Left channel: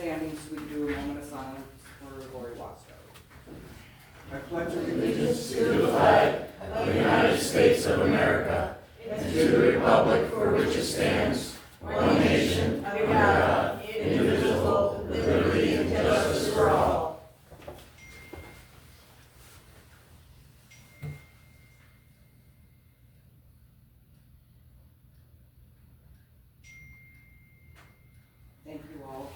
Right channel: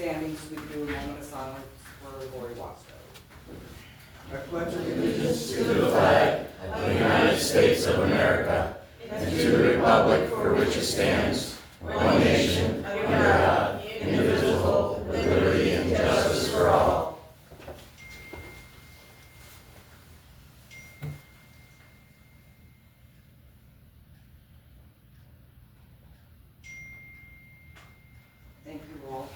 standing so we can do a moment of silence for Lori Watson. I pledge allegiance To the flag of the United States of America and to the republic for which it stands, one nation, under God, indivisible, with liberty and justice for all. Thank you all.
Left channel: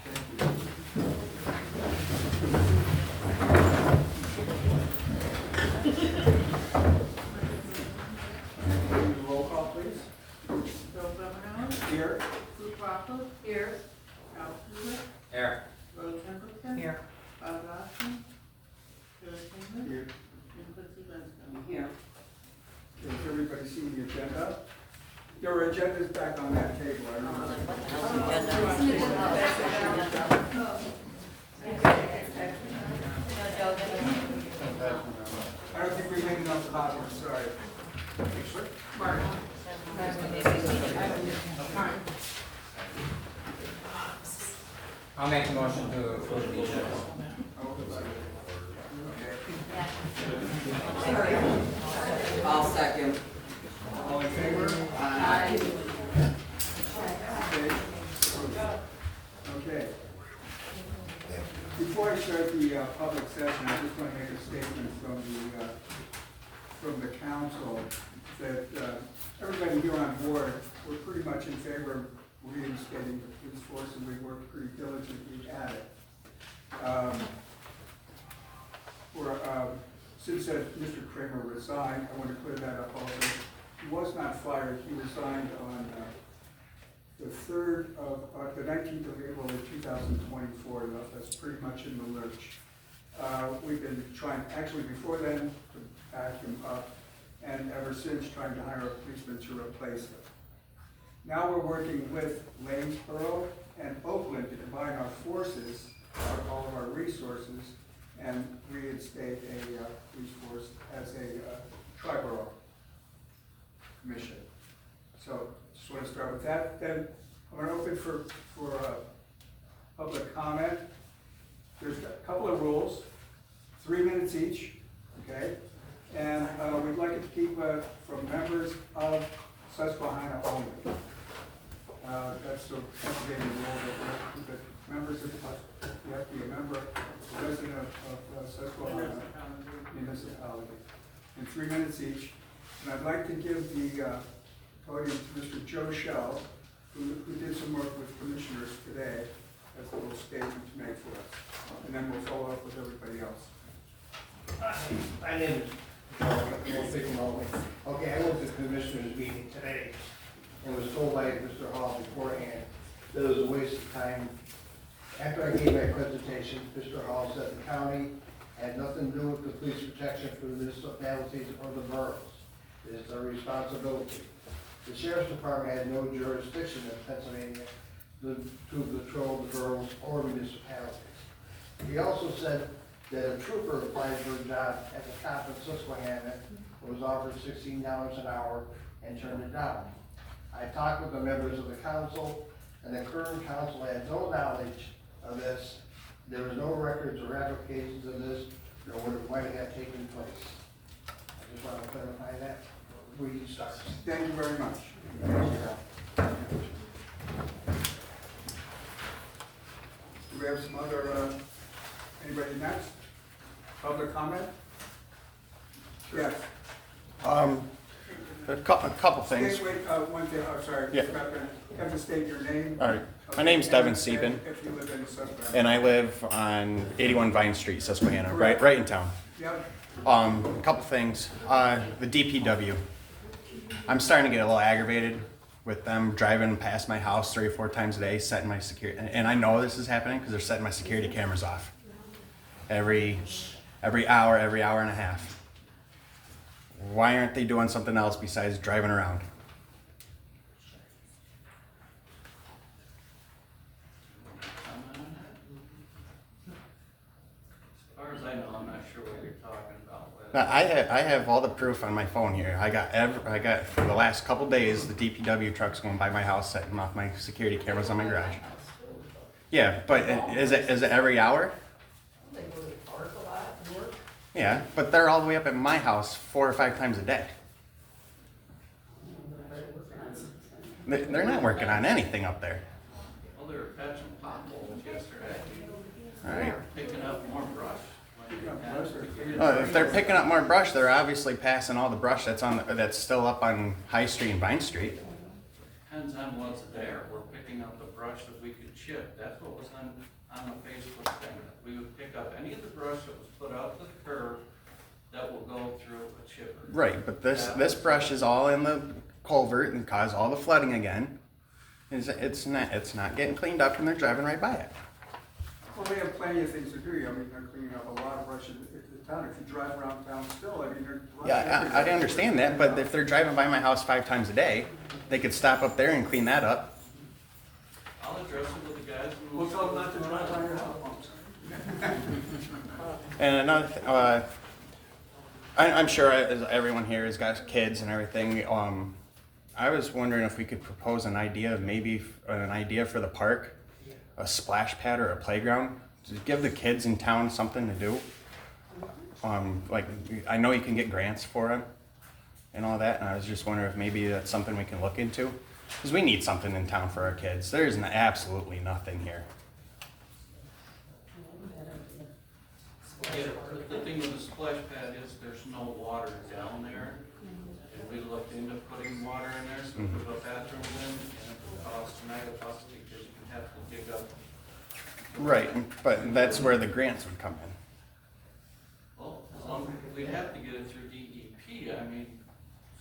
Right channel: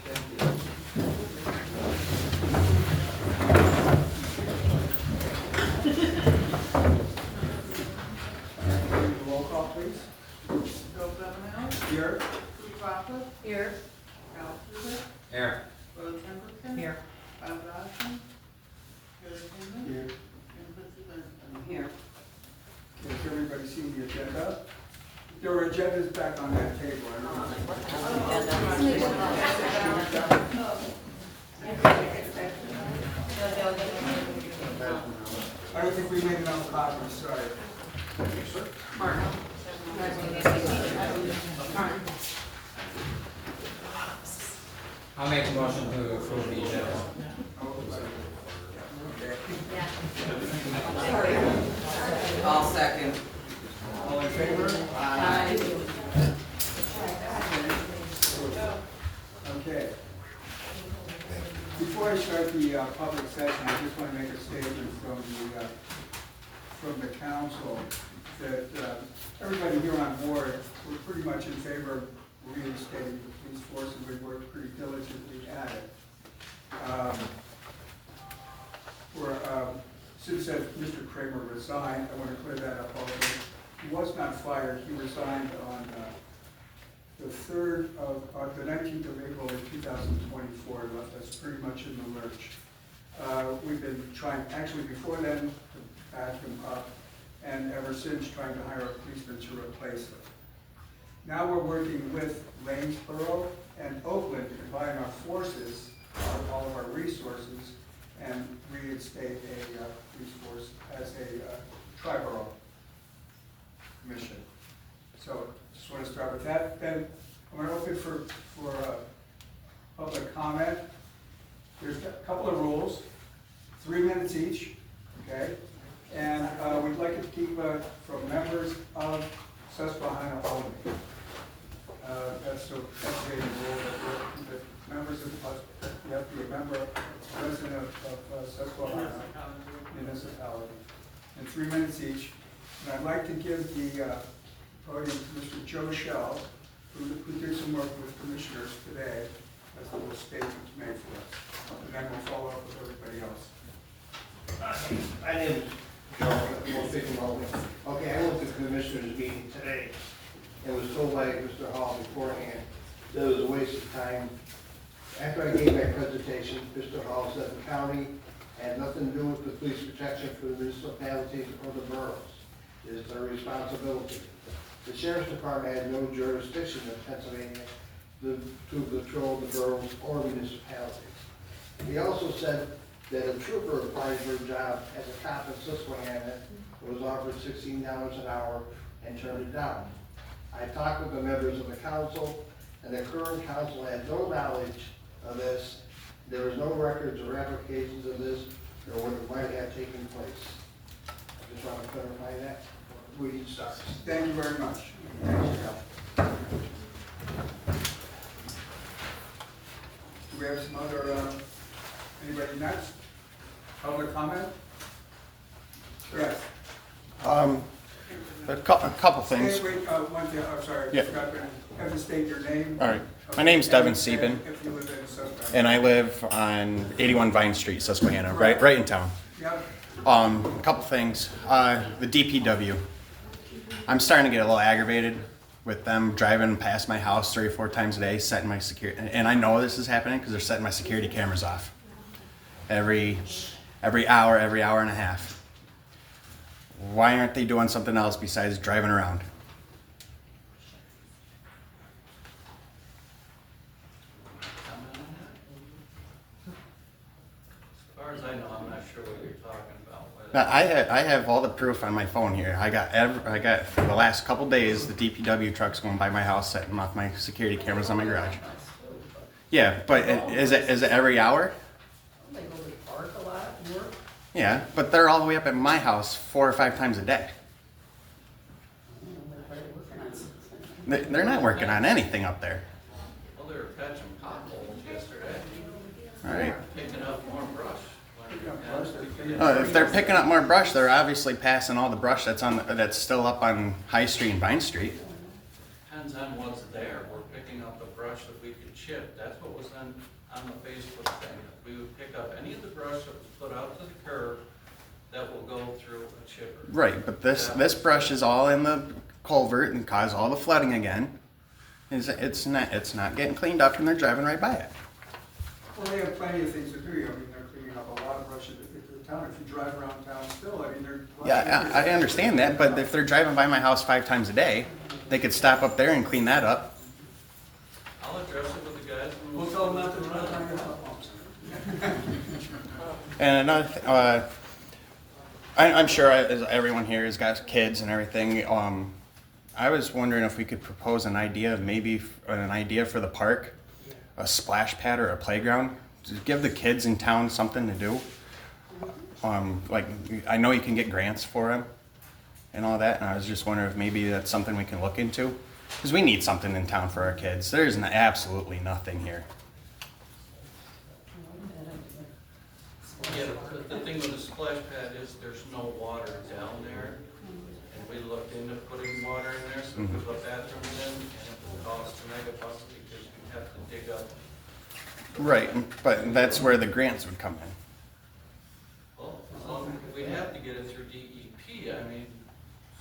roll call, please. Bill Governor, Here. Sue Crawford, Here. Al Stewart, Here. Rose Templeton. Here. Bob Dodson, Joe Kinley, Here. and Chrissy Benson. Here. Okay, has everybody seen the agenda? There were agendas back on that table. I don't know. I don't think we made enough copies, sorry. I'll make a motion to approve the agenda. Okay. I'll second. All in favor? Aye. Okay. Before I start the public session, I just want to make a statement from the council that everybody here on board, we're pretty much in favor of reinstating the police force, and we've worked pretty diligently at it. Since Mr. Kramer resigned, I want to clear that up already. He was not fired. He resigned on the 19th of April of 2024, left us pretty much in the lurch. We've been trying, actually before then, to back him up, and ever since trying to hire a policeman to replace him. Now we're working with Lanesboro and Oakland to combine our forces, all of our resources, and reinstate a police force as a tri-borough mission. So just want to start with that. Then I'm going to open for public comment. There's a couple of rules, 3 minutes each, okay? And we'd like it to keep from members of Susquehanna only. That's the estimated rule that members of you have to be a member, a resident of Susquehanna municipality. And 3 minutes each. And I'd like to give the podium to Mr. Joe Shell, who did some work with commissioners today, as a little statement to make for us. And then we'll follow up with everybody else. My name is Joe. We'll take a moment. Okay, I went to the commissioners meeting today and was told by Mr. Hall beforehand that it was a waste of time. After I gave my presentation, Mr. Hall said the county had nothing to do with the police protection for the municipalities or the boroughs. It is their responsibility. The sheriff's department had no jurisdiction in Pennsylvania to patrol the boroughs or municipalities. He also said that a trooper applied for a job as a cop in Susquehanna was offered $16 an hour and turned it down. I talked with the members of the council, and the current council had no knowledge of this. There was no records or applications of this, nor what it might have taken place. I just want to clarify that. We can start. Thank you very much. Do we have some other, anybody next? Public comment? Yes. A couple things. Wait, one thing, I'm sorry. Yeah. Forgot to have to state your name. All right. My name's Devin And Sieben, if you live in Susquehanna. and I live on 81 Vine Street, Susquehanna, right in town. Yep. A couple things. The DPW. I'm starting to get a little aggravated with them driving past my house 3 or 4 times a day, setting my security. And I know this is happening because they're setting my security cameras off every hour and a half. Why aren't they doing something else besides driving around? As far as I know, I'm not sure what you're talking about. Now, I have all the proof on my phone here. I got for the last couple days the DPW trucks going by my house, setting off my security cameras on my garage. Yeah, but is it every hour? They go to the park a lot and work. Yeah, but they're all the way up at my house 4 or 5 times a day. They're working on something. They're not working on anything up there. Well, they were patching potholes yesterday, All right. picking up more brush. Picking up brush, they're If they're picking up more brush, they're obviously passing all the brush that's still up on High Street and Vine Street. Depends on what's there. We're picking up the brush that we could chip. That's what was on the Facebook thing. We would pick up any of the brush that was put out to the curb that will go through a chipper. Right, but this brush is all in the culvert and cause all the flooding again. It's not getting cleaned up and they're driving right by it. Well, they have plenty of things to do. I mean, they're cleaning up a lot of brush in the town. If you drive around town still, I mean, they're. Yeah, I understand that, but if they're driving by my house 5 times a day, they could stop up there and clean that up. I'll address it with the guys. And We'll tell them not to drive by your house. And another, I'm sure everyone here has got kids and everything. I was wondering if we could propose an idea for the park, a splash pad or a playground, to give the kids in town something to do. Like, I know you can get grants for them and all that, and I was just wondering if maybe that's something we can look into. Because we need something in town for our kids. There's absolutely nothing here. Yeah, the thing with the splash pad is there's no water down there. And we looked into putting water in there, so we could put bathrooms in, and it would cost $1 because you have to dig up. Right, but that's where the grants would come in. Well, we'd have to get it through DEP. I mean,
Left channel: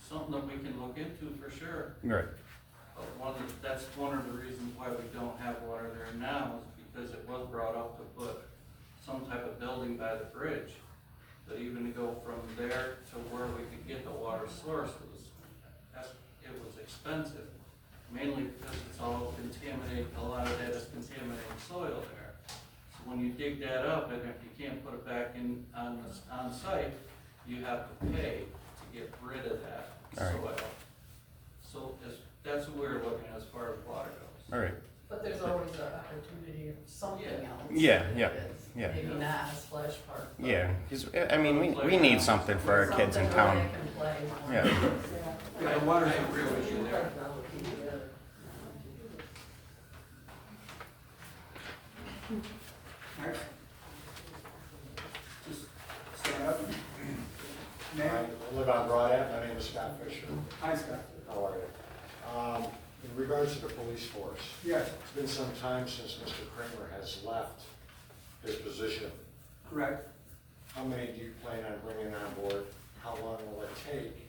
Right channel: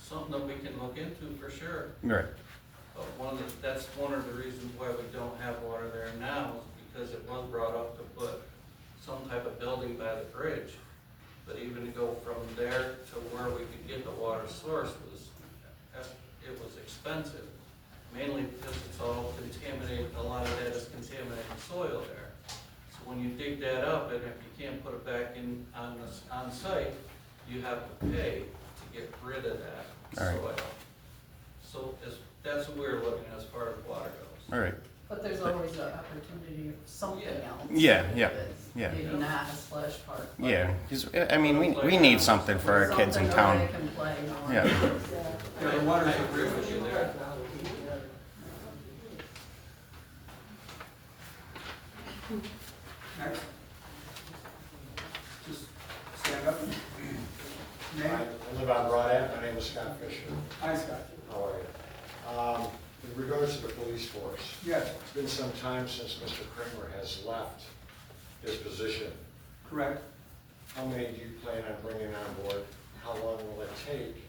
something that we can look into for sure. Right. But that's one of the reasons why we don't have water there now, is because it was brought up to put some type of building by the bridge. But even to go from there to where we could get the water source it was expensive. Mainly because it's all contaminated, a lot of that is contaminated soil there. So when you dig that up, and if you can't put it back in on site, you have to pay to get rid of that All right. soil. So that's what we're looking at as far as water goes. All right. But there's always an opportunity of something else. Yeah, yeah, that's yeah. Maybe not a splash park. but Yeah, 'cause, I mean, we need something for our kids in something where town. they can play more. Yeah. Yeah, the water's. I agree with you there. Next. Just stand up and name. I live on Broad Ave. My name is Scott Fisher. Hi, Scott. How are you? In regards to the police force, Yes, it's been some time since Mr. Kramer has left his position. correct. How many do you plan on bringing on board? How long will it take?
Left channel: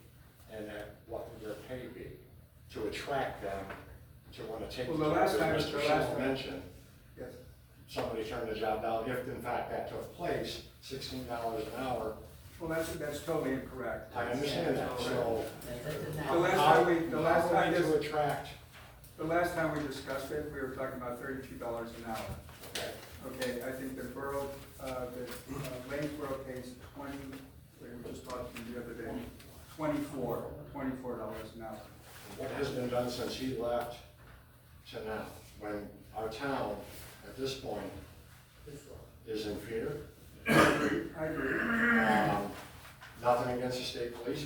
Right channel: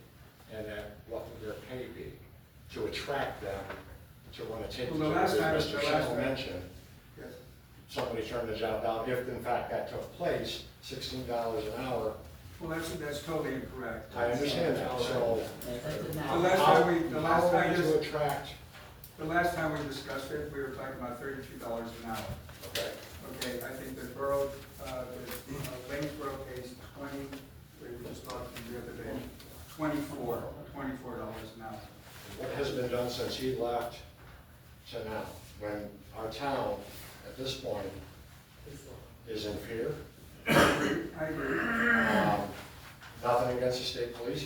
And at what will their pay be? To attract them to want to take the Well, the job, last as time- Mr. the last Shell time- mentioned. Yes. Somebody turned the job down, if in fact that took place, $16 an hour. Well, that's totally incorrect. I understand that, so. That did The not. last time we, the last How time are we this, to attract, the last time we discussed it, we were talking about $32 an hour. okay, Okay, I think the borough, Lanesboro pays 20, we were just talking the other day, $24 an hour. what has been done since he left to now? When our town, at this point, is in fear. I agree. Nothing against the state police.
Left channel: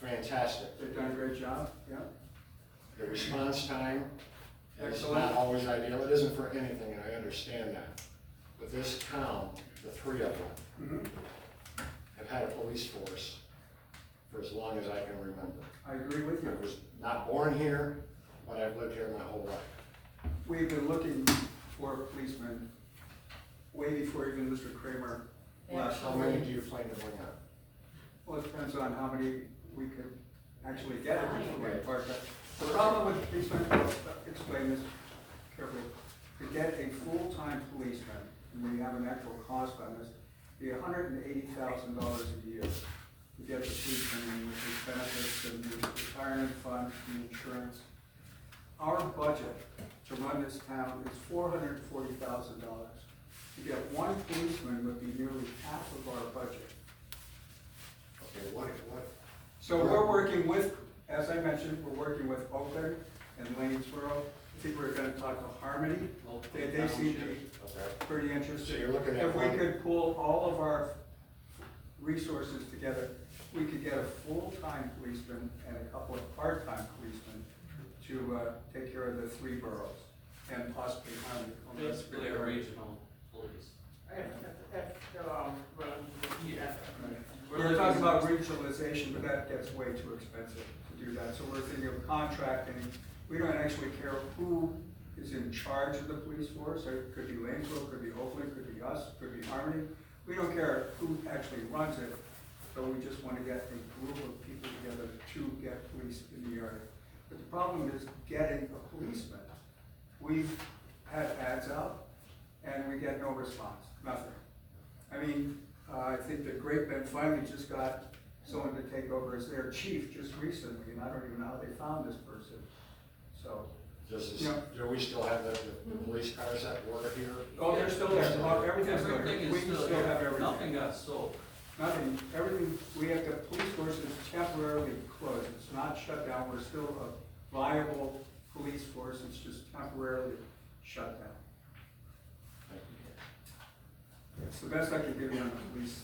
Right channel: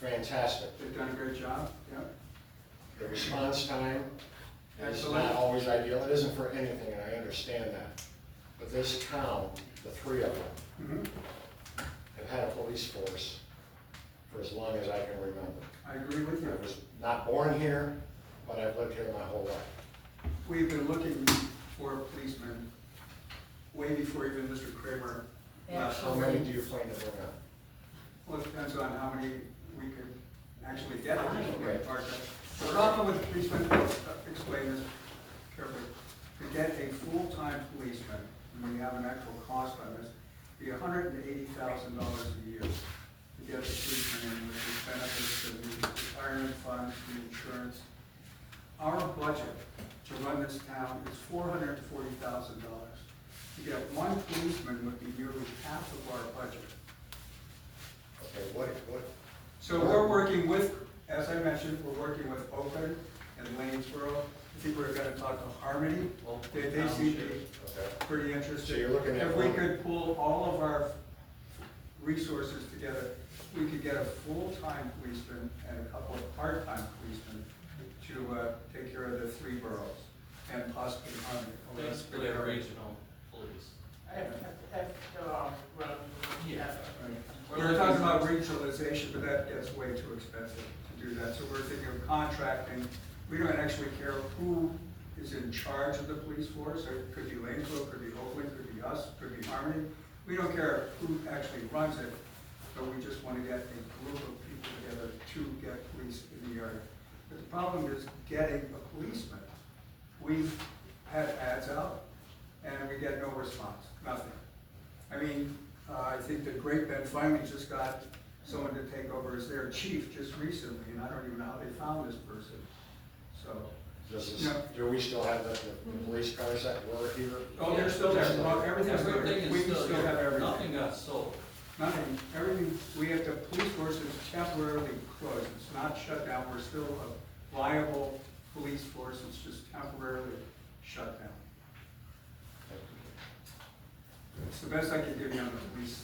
Fantastic. They've done a great job, yeah. The response time is Excellent. not always ideal. It isn't for anything, and I understand that. But this town, the three of them, Mhm. have had a police force for as long as I can remember. I agree with I you. was not born here, but I've lived here my whole life. We've been looking for a policeman way before even Mr. Kramer left. How many do you plan to bring on? Well, it depends on how many we could actually get at this point, Parker. The problem with policemen, explain this carefully, to get a full-time policeman, and when you have an actual cost on this, be $180,000 a year to get the policeman in with his benefits and the retirement funds, the insurance. Our budget to run this town is $440,000. To get one policeman would be nearly half of our budget. Okay, what, So we're working with, as I mentioned, we're working with Oakland and Lanesboro I think we're gonna talk to Harmony. Well, They seem to be Okay. pretty So interested. you're looking at If we one- could pull all of our resources together, we could get a full-time policeman and a couple of part-time policemen to take care of the 3 boroughs and possibly Harmony. basically a regional police. Yeah. We were talking about regionalization, but that gets way too expensive to do that, so we're thinking of contracting. We don't actually care who is in charge of the police force, it could be Lanesville, could be Oakland, could be us, could be Harmony. We don't care who actually runs it, but we just want to get a group of people together to get police in the area. But the problem is getting a policeman. We've had ads out, and we get no response, nothing. I mean, I think that Great Bend finally just got someone to take over as their chief just recently, and I don't even know how they found this person, so. Do we still have the police cars that were here? Oh, they're still there, everything's good, Everything we is still still have here, everything. nothing got sold. Nothing, everything, we have, the police force is temporarily closed, it's not shut down, we're still a viable police force, it's just temporarily shut down. It's the best I can give you on the police,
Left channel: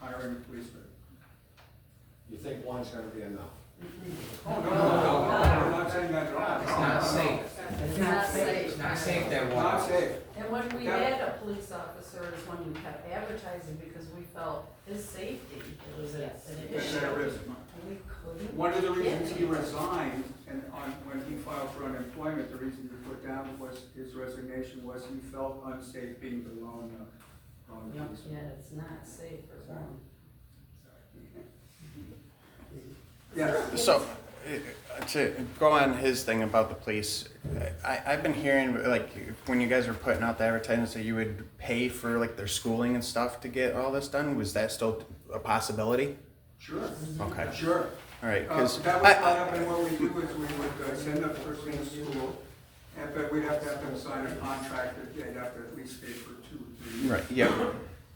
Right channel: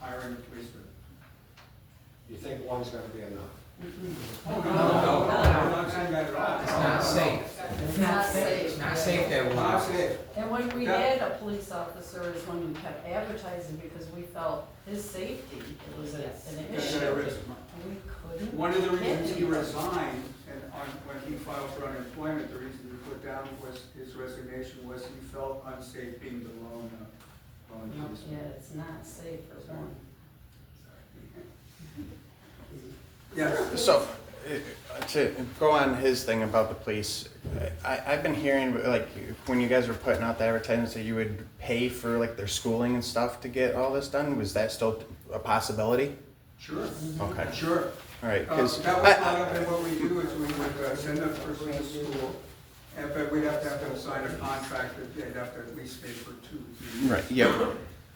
hiring a policeman. You think one's gonna be enough? Oh, no, I'm not saying that at all. It's not safe. It's not safe. It's not safe that Not one. safe. And when we had a police officer is when we kept advertising because we felt his safety was an issue. We couldn't. One of the reasons he get him. resigned, and when he filed for unemployment, the reason he put down was his resignation was he felt unsafe being the lone No, policeman. yeah, it's not safe for one. Yes. So, to go on his thing about the police, I've been hearing, like, when you guys were putting out the advertisements that you would pay for, like, their schooling and stuff to get all this done, was that still a possibility? Sure. Okay. Sure. All right, That because was part of it, what we do is we would send that person to school, and but we'd have to have them sign a contract that they'd have to at least stay for 2 years. right, yeah,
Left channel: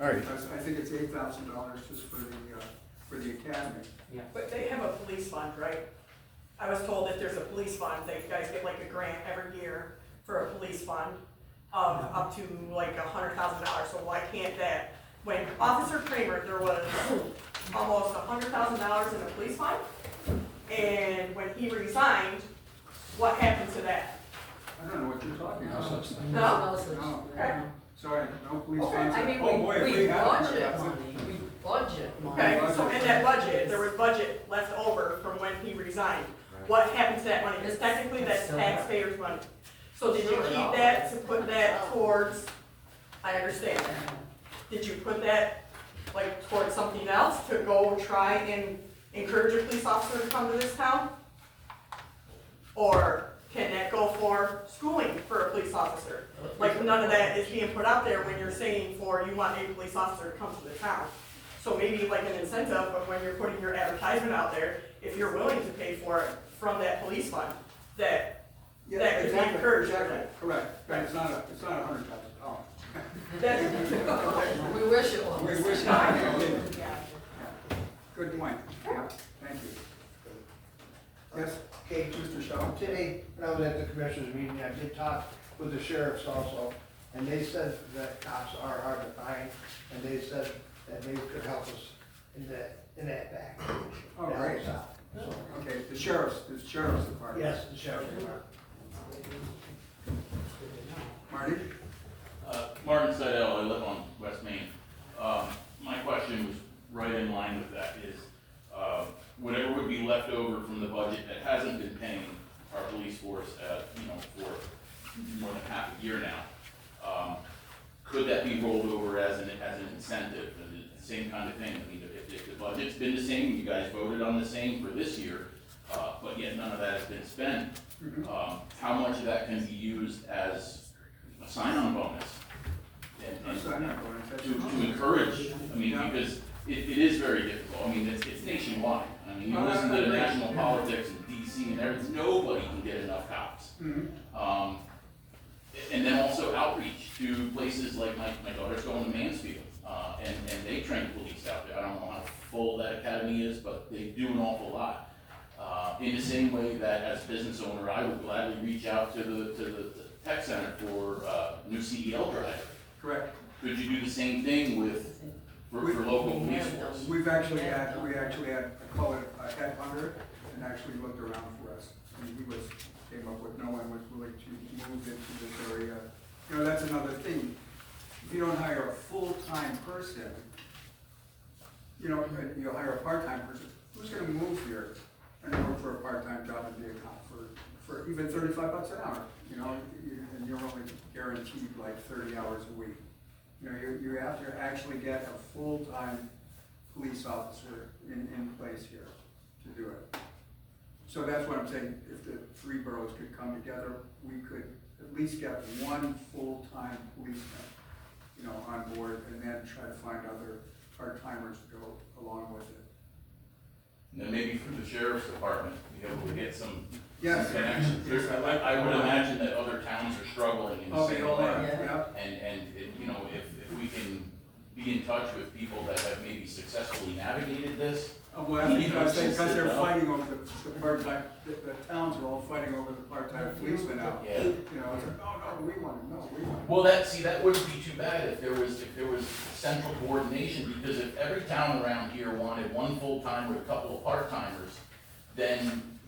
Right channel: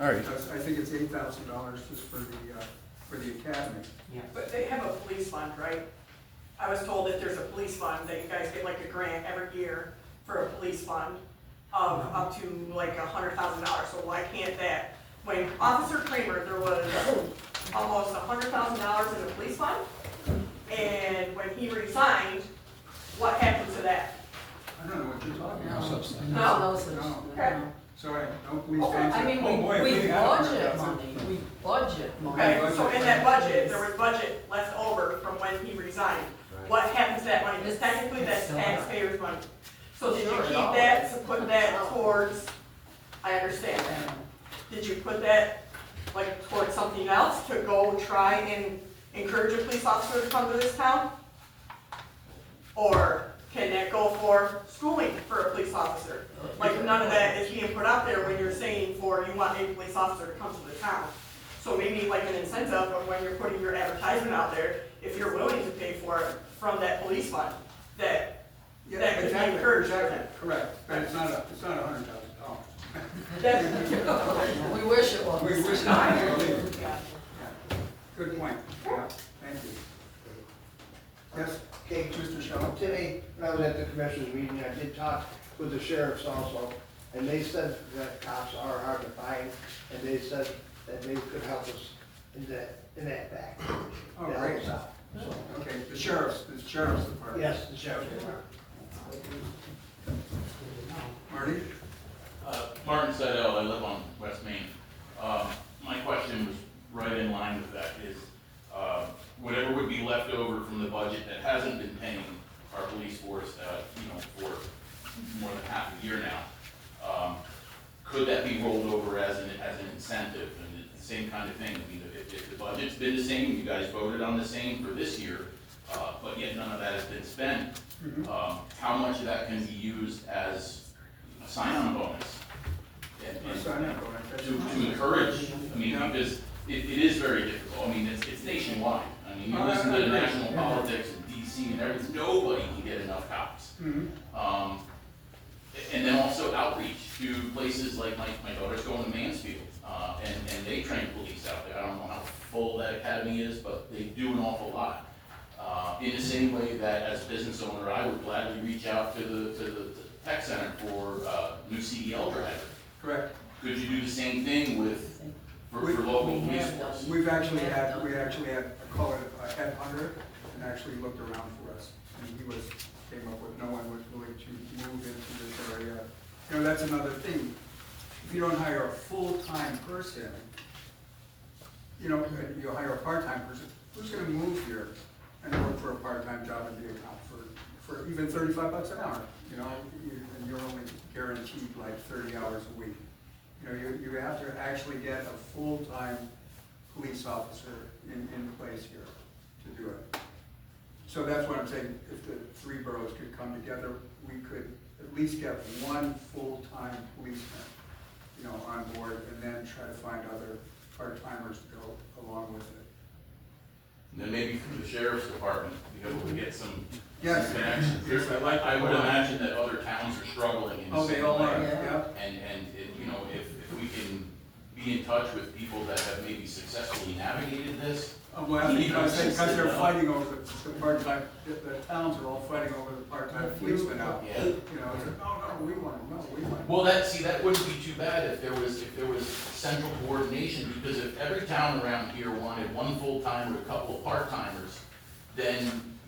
all right. Because I think it's $8,000 just for the academy. But they have a police fund, right? I was told that there's a police fund, that you guys get like a grant every year for a police fund of up to like $100,000, so why can't that? When Officer Kramer, there was almost $100,000 in the police fund, and when he resigned, what happened to that? I don't know what you're talking about. No. Okay. Sorry, no police Okay. funds. I mean, Oh, boy, if we had budget $100,000. money, we budget money. Okay, so in that budget, there was budget left over from when he resigned. What happened to that money? Because technically, that's taxpayers' money. So did you Sure, keep it that is. to put that towards, I understand. Did you put that, like, towards something else to go try and encourage a police officer to come to this town? Or can that go for schooling for a police officer? Like, none of that is being put out there when you're saying for, you want a police officer to come to the town. So maybe like an incentive of when you're putting your advertisement out there, if you're willing to pay for it from that police fund, that Yeah, could be exactly, encouraged. exactly, correct, but it's not $100,000. That's, We wish it was. We wish I not. know. Yeah. Yeah. Good point, yeah, thank you. Yes, Okay, Mr. Shaw? today, when I was at the commissioners meeting, I did talk with the sheriffs also, and they said that cops are hard to find, and they said that they could help us in that back. Oh, to help great. us out. So, Okay, the sheriff's department. yes, the sheriff. Marty? Martin Seidel, I live on West Main. My question was right in line with that, is whatever would be left over from the budget that hasn't been paying our police force, for more than half a year now, could that be rolled over as an incentive? And it's the same kind of thing. I mean, if the budget's been the same, you guys voted on the same for this year, but yet none of that has been spent, how much of that can be used as a sign-on bonus? To encourage, I mean, because it is very difficult. I mean, it's nationwide. I mean, you listen to the national politics in DC and everything, nobody can get enough cops. And then also outreach to places like my daughter's going to Mansfield, and they train police out there. I don't know how full that academy is, but they do an awful lot. In the same way that as a business owner, I would gladly reach out to the tech center for new CDL driver. Correct. Could you do the same thing for local We police have force? done. We actually had, I call it a headhunter, and actually looked around for us. And he came up with, no one was willing to move into this area. You know, that's another thing. If you don't hire a full-time person, you know, you'll hire a part-time person, who's gonna move here and work for a part-time job and be a cop for even $35 an hour? You know, and you're only guaranteed like 30 hours a week. You know, you have to actually get a full-time police officer in place here to do it. So that's what I'm saying, if the three boroughs could come together, we could at least get one full-time policeman, you know, on board, and then try to find other part-timers to go along with it. And then maybe through the sheriff's department, be able to get some Yes. connections. Yes, I like I that. would imagine that other towns are struggling in the Oh, they same all are, way. yeah. And you know, if we can be in touch with people that have maybe successfully navigated this. Well, because they're fighting over the part-time, the towns are all fighting over the part-time policemen now. Yeah. You know, it's like, no, we want it, no, we want it. Well, that wouldn't be too bad if there was central coordination, because if every town around here wanted one full-time with a couple of part-timers, then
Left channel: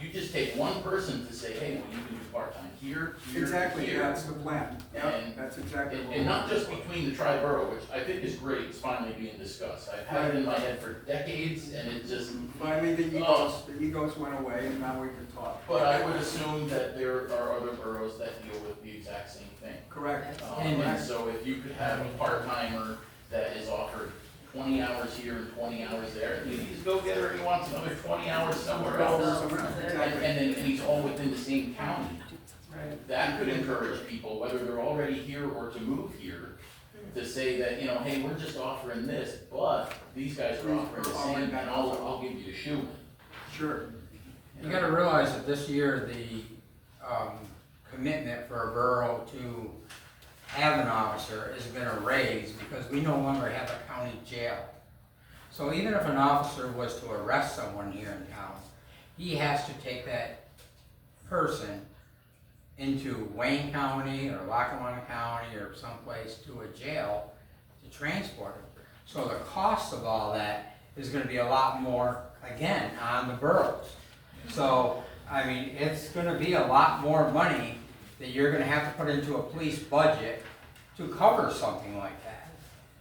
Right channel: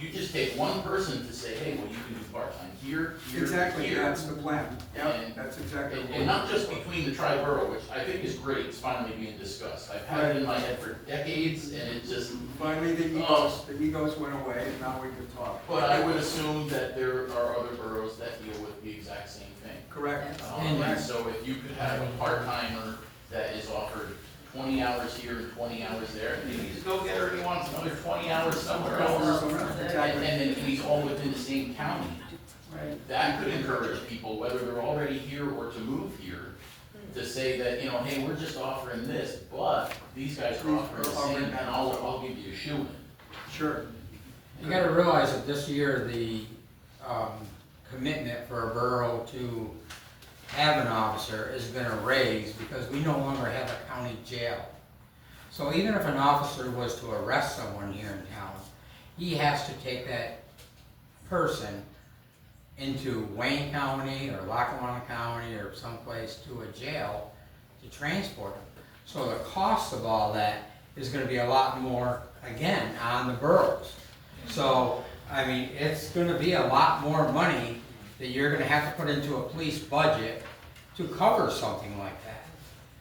you just take one person to say, hey, well, you can do part-time here, here, Exactly, here. that's the plan. Yeah, And- that's exactly what And not just between the tri-borough, which I think is great, it's finally being discussed. I've had it in my head for decades, and it just, Finally, the egos went away, and now we can talk. but I would assume that there are other boroughs that deal with the exact same thing. Correct. And so if you could have a part-timer that is offered 20 hours here and 20 hours there, and he's go getter, he wants another 20 hours somewhere else. Exactly. And he's all within the same county. Right. That could encourage people, whether they're already here or to move here, to say that, you know, hey, we're just offering this, but these guys are offering the same, and I'll give you a shoe-in. Sure. You gotta realize that this year, the, commitment for a borough to have an officer is gonna raise because we no longer have a county jail. So even if an officer was to arrest someone here in town, he has to take that person into Wayne County or Lackawanna County or someplace to a jail to transport him. So the cost of all that is gonna be a lot more, again, on the boroughs. So, I mean, it's gonna be a lot more money that you're gonna have to put into a police budget to cover something like that.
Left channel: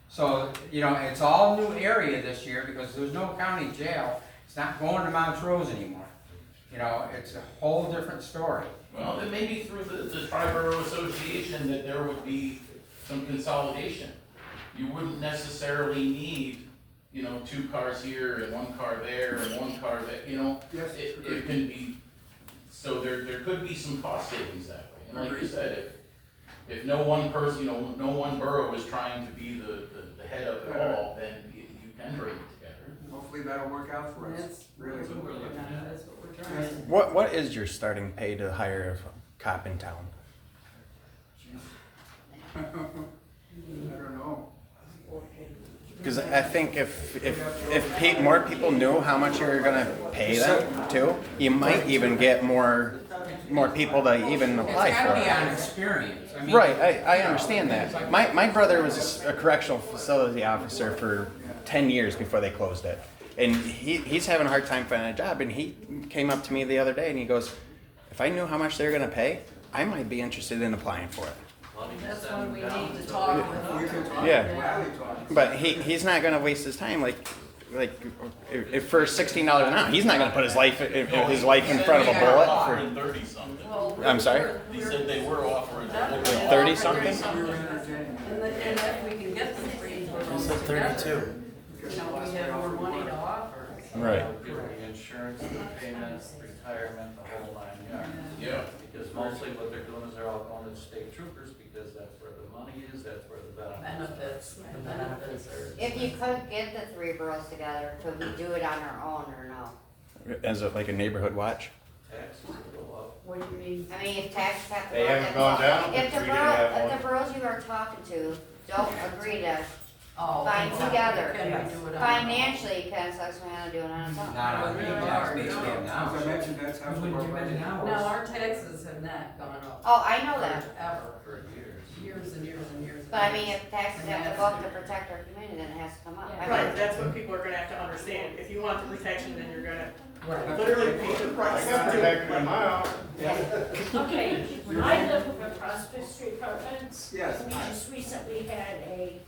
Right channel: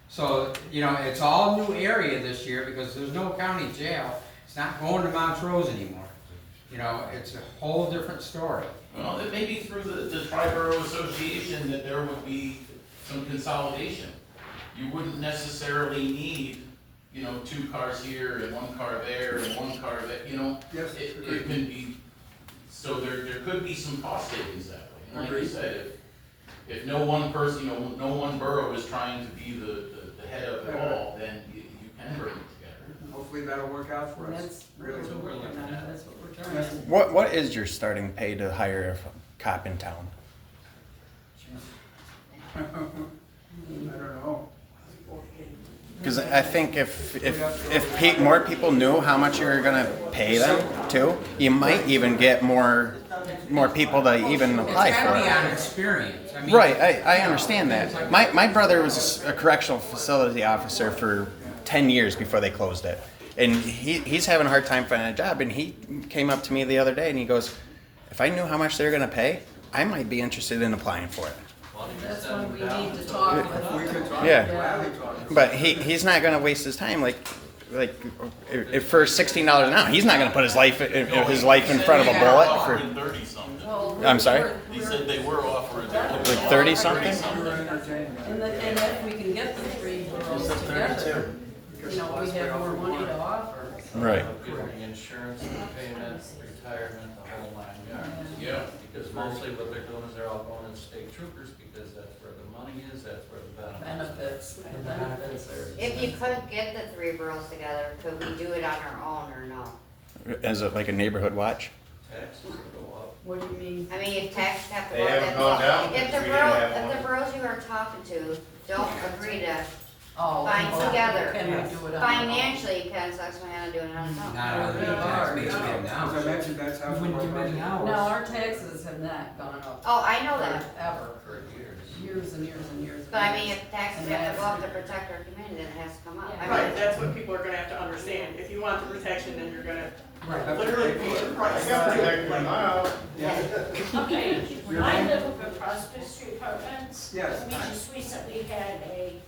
So, you know, it's all new area this year because there's no county jail. It's not going to Montrose anymore. You know, it's a whole different story. Well, it may be through the tri-borough association that there would be some consolidation. You wouldn't necessarily need, you know, 2 cars here and 1 car there and 1 car there, you know? Yes. It can be, so there could be some cost savings that way. And like you said, if no one person, you know, no one borough is trying to be the head of it all, then you can bring it together. Hopefully that'll work out for us. That's Really. what we're working on, that's what we're trying to. What is your starting pay to hire a cop in town? I don't know. Because I think if more people knew how much you're gonna pay them too, you might even get more people to even apply It's for gotta be it. on experience. I mean, Right, I understand that. My brother was a correctional facility officer for 10 years before they closed it. And he's having a hard time finding a job, and he came up to me the other day and he goes, if I knew how much they're gonna pay, I might be interested in applying for it. That's when we need to talk with. We can talk, Yeah. gladly talk. But he's not gonna waste his time like if for $16 an hour, he's not gonna put his life in front of a bullet for. Offering 30 something. Well, I'm sorry? He said they were offering. Like 30 something? We were entertaining And if we can get the 3 boroughs together, you know, we have more money to offer. Right. The insurance, the payments, retirement, the whole 9 yards. Yeah. Because mostly what they're doing is they're all going to state troopers because that's where the money is, that's where the benefits. The benefits are. If you could get the 3 boroughs together, could we do it on our own or no? As like a neighborhood watch. Taxes go up. What do you mean? I mean, if taxes have to They go up, haven't that's gone all. down If the since we didn't have if one. the boroughs you are talking to don't agree to Oh, Fine well, together. Can we do it on? our own? financially, can Susquehanna do it on its own? Not on the tax base we have now. As I mentioned, that's how. When you give many hours. No, our taxes have not gone up. Oh, I know that. Ever, For years. years and years and years. and But I mean, years. if taxes And have to go up to that's- protect our community, then it has to come up. Yeah. I mean, Right, that's what people are gonna have to understand. If you want the protection, then you're gonna Right. literally pay the price. Okay, Your I name? live up in Prospect Street Apartments. Yes. We just recently had a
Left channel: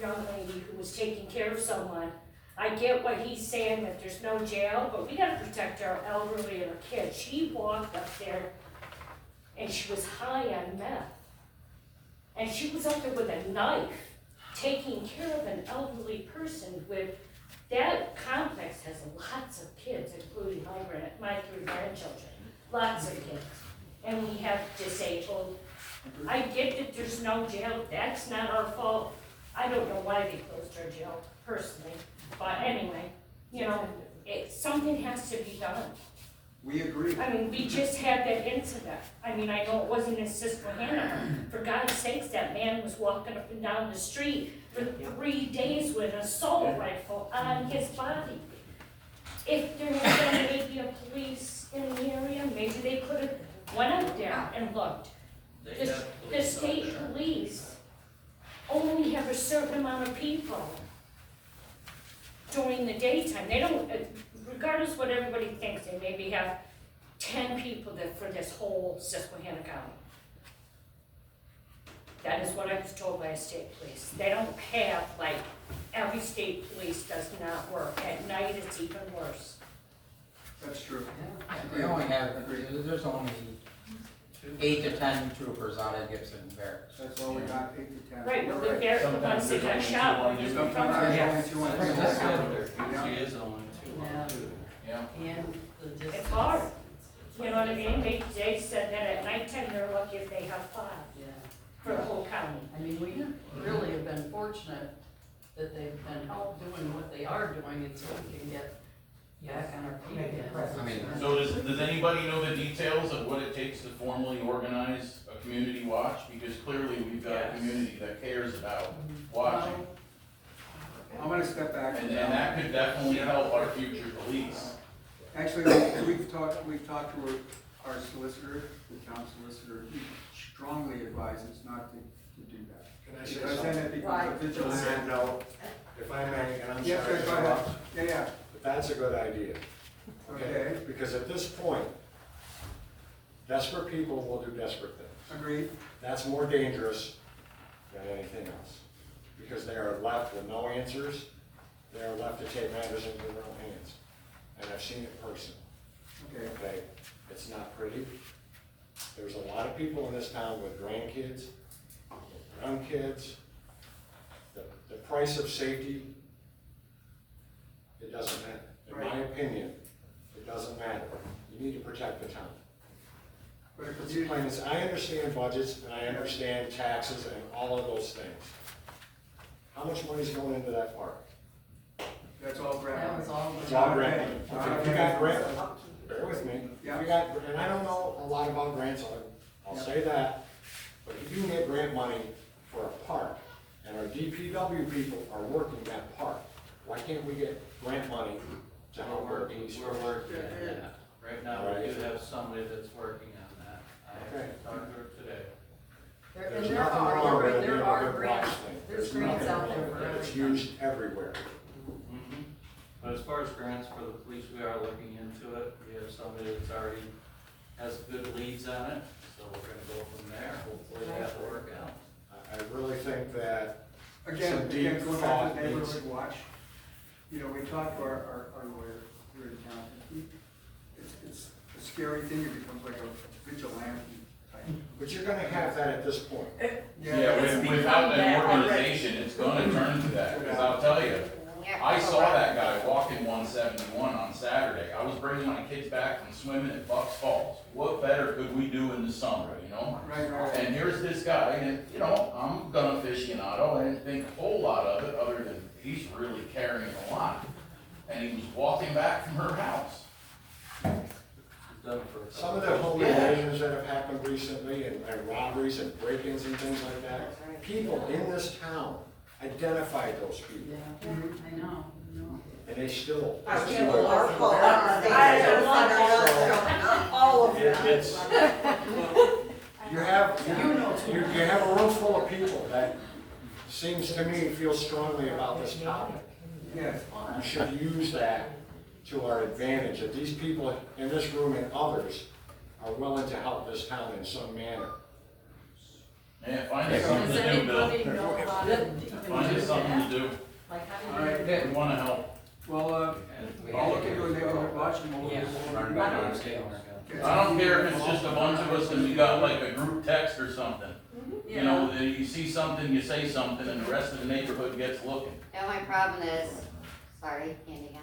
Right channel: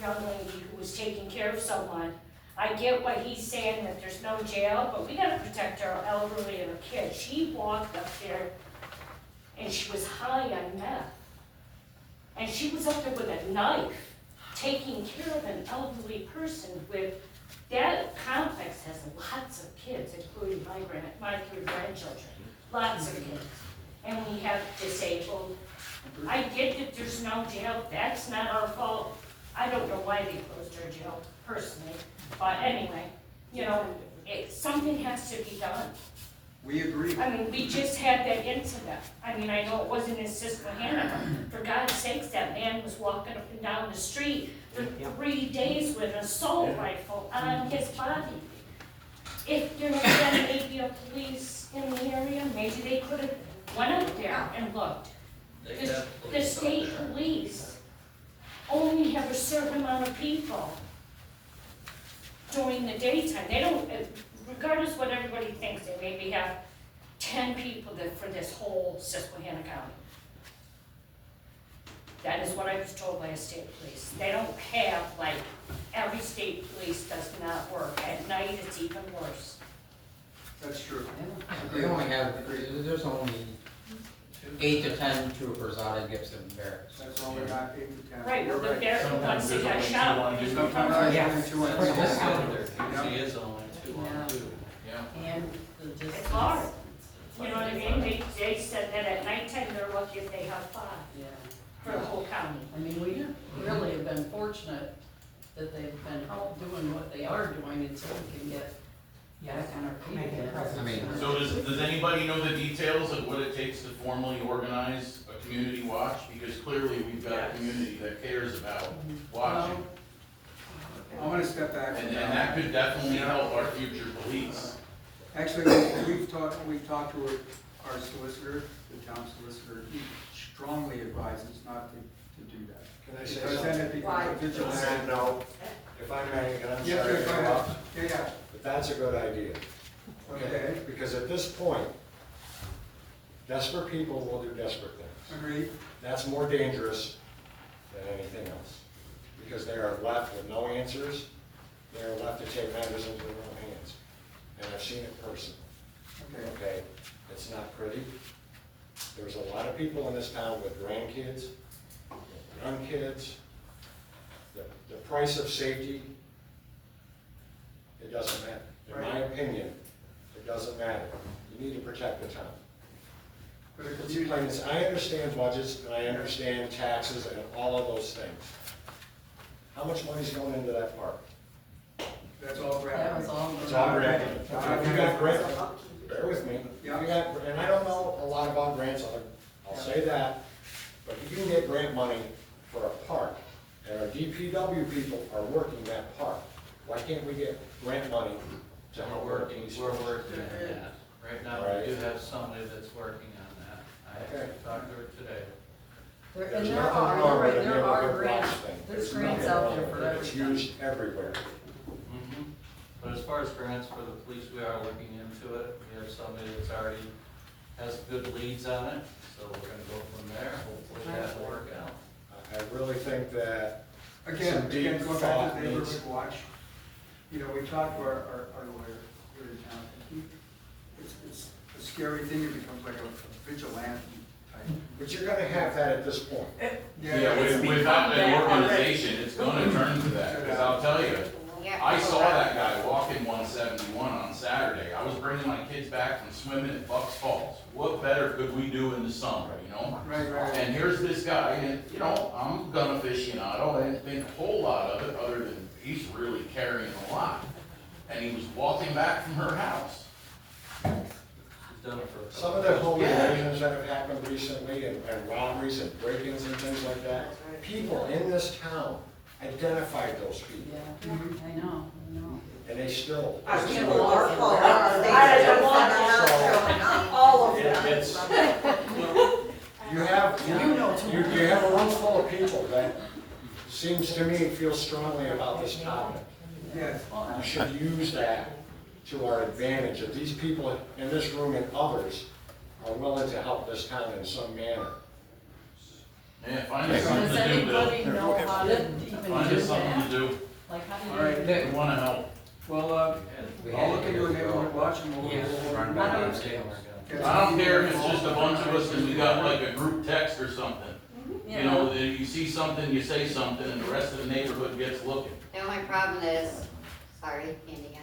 young lady who was taking care of someone. I get what he's saying, that there's no jail, but we gotta protect our elderly and our kids. She walked up there and she was high on meth. And she was up there with a knife, taking care of an elderly person with, that complex has lots of kids, including my three grandchildren, lots of kids. And we have disabled. I get that there's no jail, that's not our fault. I don't know why they closed our jail personally, but anyway, you know, something has to be done. We agree. I mean, we just had that incident. I mean, I know it wasn't in Susquehanna. For God's sakes, that man was walking up and down the street with 3 days with an assault rifle on his body. If there had been maybe a police in the area, maybe they could have went up there and looked. They The, have the police out state there. police only have a certain amount of people during the daytime. They don't, regardless what everybody thinks, they maybe have 10 people that, for this whole Susquehanna County. That is what I was told by a state police. They don't have, like, every state police does not work. At night, it's even worse. That's true. They only have, there's only 8 to 10 troopers out of Gibson Barracks. That's all we got, 8 to 10. Right, well, You're they're the Sometimes ones that there's got only shot. two From Sometimes our there's gas. only two on Right, the that's side. how There usually is only two Yeah. on two. Yeah. And the distance. It's hard. You know what I mean? They said that at nighttime, they're lucky if they have 5 Yeah. for the whole county. I mean, we really have been fortunate that they've been doing what they are doing until we can get back on our feet. I mean, So does anybody know the details of what it takes to formally organize a community watch? Because clearly we've got a community that cares about watching. I'm gonna step back. And that could definitely help our future police. Actually, we've talked to our solicitor, the town solicitor. He strongly advises not to do that. Can I say Because then something? it becomes a On vigilante. that note, if I may, I'm Yes, sorry sir, to go ahead. interrupt, Yeah, but that's a good idea. Okay. Because at this point, desperate people will do desperate things. agreed. That's more dangerous than anything else. Because they are left with no answers, they are left to take matters into their own hands. And I've seen it personally. Okay. Okay, it's not pretty. There's a lot of people in this town with grandkids, young kids. The price of safety, it doesn't matter. In my opinion, it doesn't matter. You need to protect the town. But if It's you- plain as- I understand budgets and I understand taxes and all of those things. How much money's going into that park? That's all grant. That was all. It's all grant. If you got grant, bear with me. If Yeah. you got, and I don't know a lot about grants, I'll say that. But if you can get grant money for a park, and our DPW people are working that park, why can't we get grant money to help We're our working, police? we're working on that. Right now, we do Right. have somebody that's working on that. I actually talked to her today. And There's there nothing are, wrong you're with right, it there being a are good grants, watch thing. there's nothing grants out wrong there with for it. It's everything. used everywhere. Mhm. But as far as grants for the police, we are looking into it. We have somebody that's already has good leads on it, so we're gonna go from there. Hopefully that will work out. I really think that Again, some deep going back thought to the needs. neighborhood watch, you know, we talked to our lawyer here in town, and it's a scary thing, it becomes like a vigilante type. But you're gonna have that at this point. Yeah, without an organization, it's gonna turn to that, because I'll tell you, Yeah. I saw that guy walking 171 on Saturday. I was bringing my kids back from swimming at Bucks Falls. What better could we do in the summer, you know? Right, right. And here's this guy, and, you know, I'm a gun aficionado, I didn't think a whole lot of it, other than he's really carrying a lot. And he was walking back from her house. She's done it for a couple. Some of the home invasions that have happened recently and robberies and break-ins and things like that, people in this town identified those people, Yeah, I know. and they still. I pursue can't it. believe our fault. I don't want that. seems to me, feel strongly about this topic. Yes. We should use that to our advantage, that these people in this room and others are willing to help this town in some manner. Man, find us something Does to do, Bill. anybody know how to even Find do us something that? to do. Like, how All do right. you? We wanna help. Well, I'll look into a neighborhood watch and we'll. Why don't Okay. I don't care if it's just a bunch of us and we got like a group text or something. You know, and you see something, you say something, and the rest of the neighborhood gets looking. The only problem is, sorry, Candy again,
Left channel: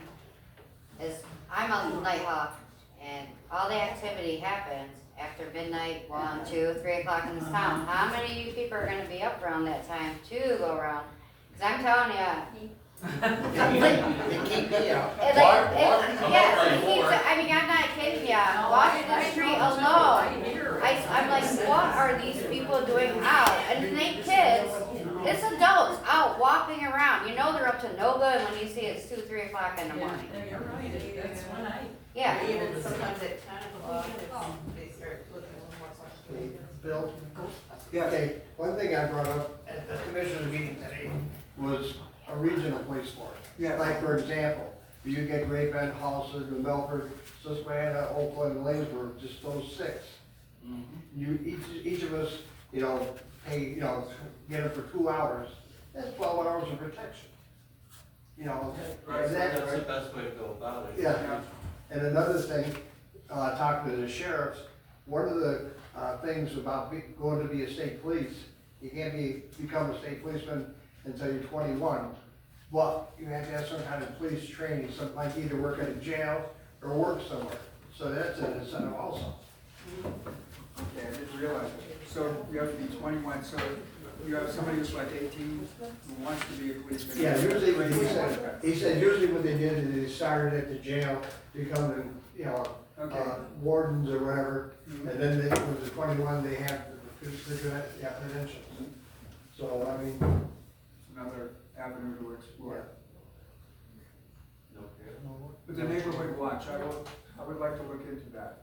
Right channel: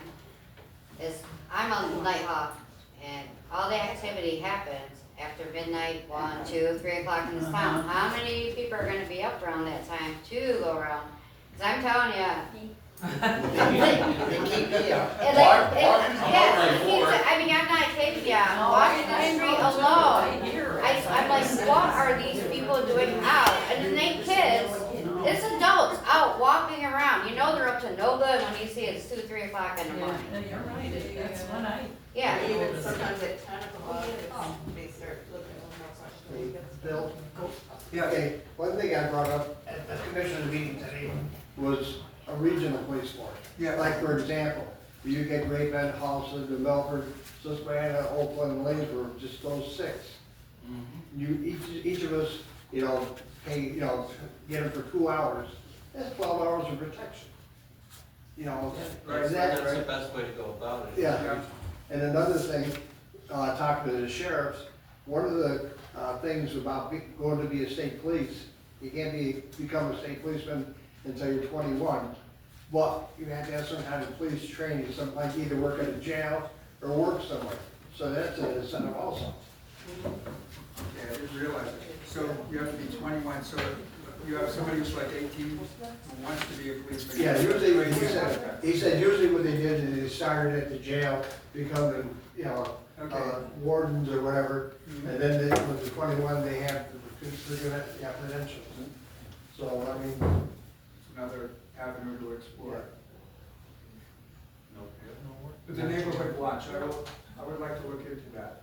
is I'm a night hawk, and all the activity happens after midnight, 1, 2, 3 o'clock in this town. How many of you people are gonna be up around that time to go around? Cause I'm telling you. They keep me out. I mean, I'm not kidding you, walking the street alone, I'm like, what are these people doing out? And it ain't kids, it's adults out walking around, you know they're up to no good when you see it's 2, 3 o'clock in the morning. Yeah, you're right, that's when I. Yeah. Even sometimes at 10 o'clock, they start looking at what's on the street. Bill? Yeah. Okay, one thing I brought up at the commissioner's meeting today was a regional police force. Yeah. Like, for example, you get Great Bend, Holliston, New Milford, Susquehanna, Oakland, Lanesburg, just those 6. You, each of us, you know, pay, you know, get them for 2 hours, that's 12 hours of protection. You know, Right, and that- that's the best way to go about it. Yeah, and another thing, talking to the sheriffs, one of the, things about going to be a state police, you can't become a state policeman until you're 21, but you have to have some kind of police training, some, like either work at a jail or work somewhere, so that's an incentive also. Okay, I didn't realize it. So you have to be 21, so you have somebody who's like 18 who wants to be a policeman. Yeah, usually, he said usually what they did is they started at the jail, becoming, you know, Okay. wardens or whatever, and then they, when they're 21, they have the credentials. So, I mean, It's another avenue to explore. But the neighborhood watch, I would like to look into that.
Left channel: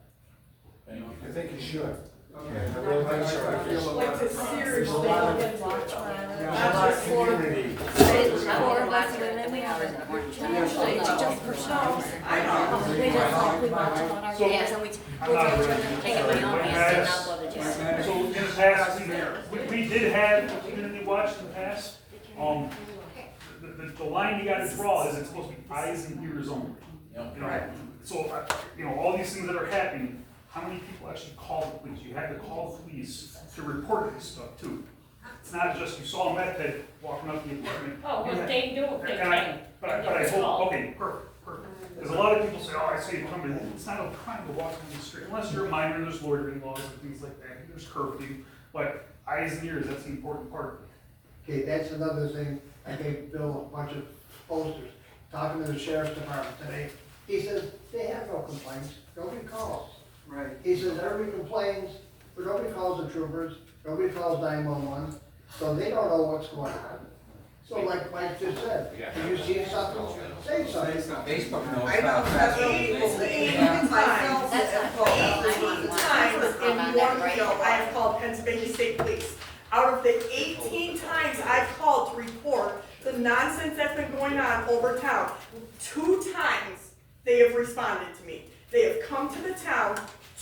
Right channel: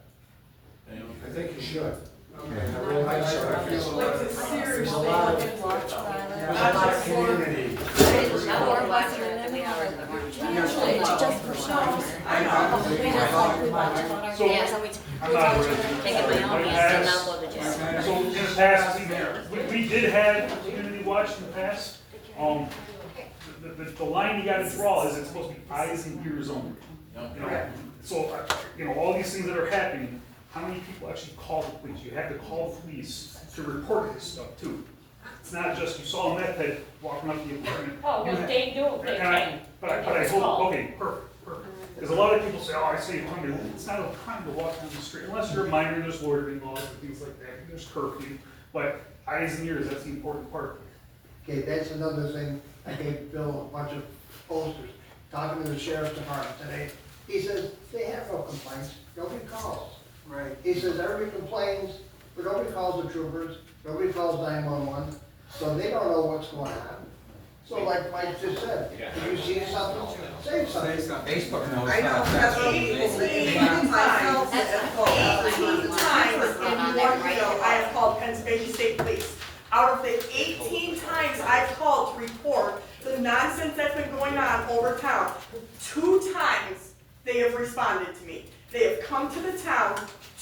Thank you. I think you should. Okay. I really think so. I feel a lot Like to of promise. seriously There's a lot of- look into it. Yeah. Not just for, Community. Four of us, and then we have usually it's just for show. I know. They just like we watch on our videos and we take it by all means and not go to jail. So in the past, we did have community watch in the past. The line you gotta draw is it's supposed to be eyes and ears only. You know, so, you know, all these things that are happening, how many people actually call the police? You have to call the police to report this stuff too. It's not just you saw a meth head walking up the apartment. Oh, what they do, they And can. but I hope, okay, perfect. Because a lot of people say, oh, I say crime, it's not a crime to walk down the street, unless you're a minor, there's loitering laws and things like that, there's curfew. But eyes and ears, that's the important part. okay, that's another thing, I gave Bill a bunch of posters, talking to the sheriff's department today. He says, they have no complaints, nobody calls. Right. He says, everybody complains, but nobody calls the troopers, nobody calls 911, so they don't know what's going on. So like Mike just said, if you see something, say something. Facebook knows I know, about that's that. 18 times, 18 times in one year, I have called Pennsylvania State Police. Out of the 18 times I've called to report the nonsense that's been going on over town, 2 times they have responded to me. They have come to the town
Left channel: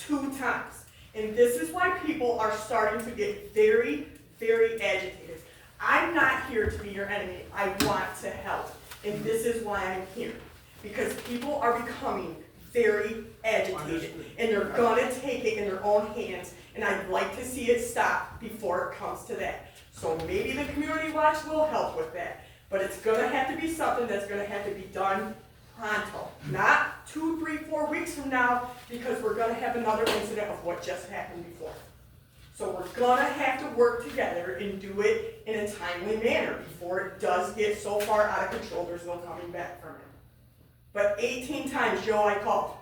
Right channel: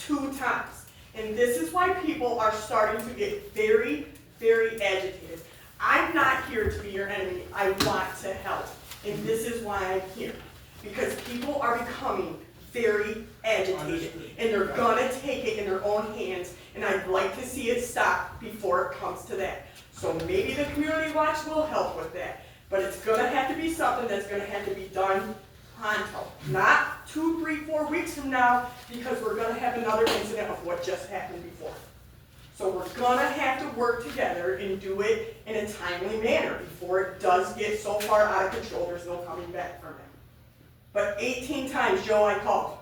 2 times. And this is why people are starting to get very, very agitated. I'm not here to be your enemy. I want to help. And this is why I'm here. Because people are becoming very agitated. And they're gonna take it in their own hands. And I'd like to see it stop before it comes to that. So maybe the community watch will help with that. But it's gonna have to be something that's gonna have to be done pronto. Not 2, 3, 4 weeks from now, because we're gonna have another incident of what just happened before. So we're gonna have to work together and do it in a timely manner before it does get so far out of control, there's no coming back from it. But 18 times, Joe, I called,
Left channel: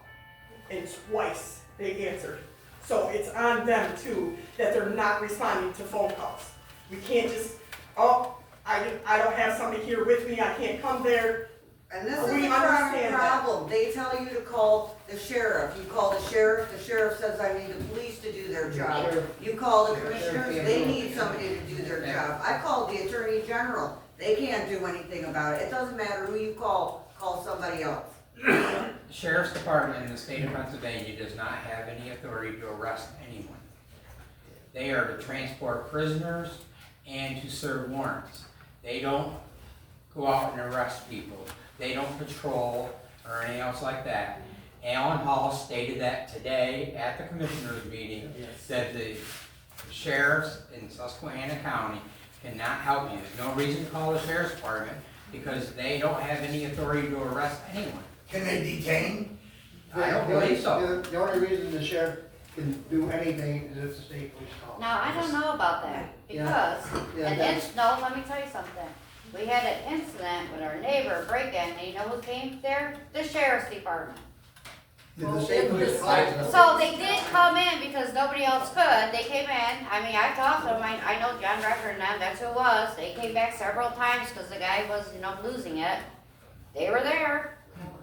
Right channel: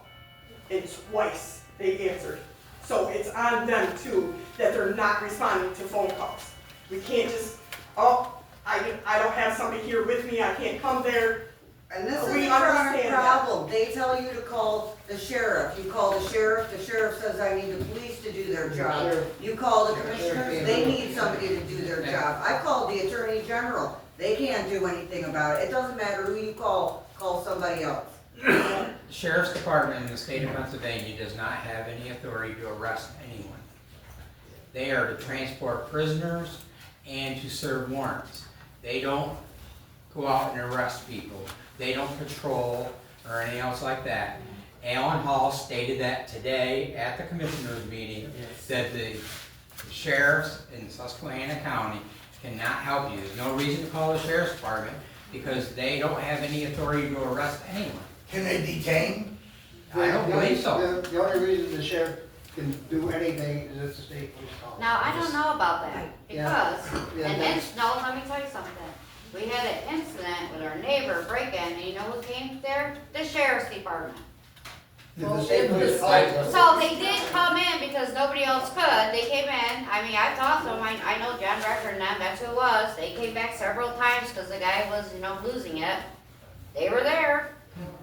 and twice they answered. So it's on them too, that they're not responding to phone calls. We can't just, oh, I don't have somebody here with me, I can't come there. And this is We not a understand that. problem. They tell you to call the sheriff. You call the sheriff says, I need the police to do their job. You call the commissioners, they need somebody to do their job. I called the attorney general. They can't do anything about it. It doesn't matter who you call somebody else. The Sheriff's Department in the state of Pennsylvania does not have any authority to arrest anyone. They are to transport prisoners and to serve warrants. They don't go out and arrest people. They don't patrol or anything else like that. Alan Hall stated that today at the commissioners meeting, that the sheriffs in Susquehanna County cannot help you. There's no reason to call the sheriff's department because they don't have any authority to arrest anyone. Can they detain? I don't believe so. The only reason the sheriff can do anything is if the state police call. Now, I don't know about that, because, no, let me tell you something. We had an incident with our neighbor break-in, and you know who came there? The sheriff's department. Did the state police call? So they did come in because nobody else could. They came in, I mean, I talked to them, I know John Record and them, that's who it was. They came back several times because the guy was, losing it. They were there.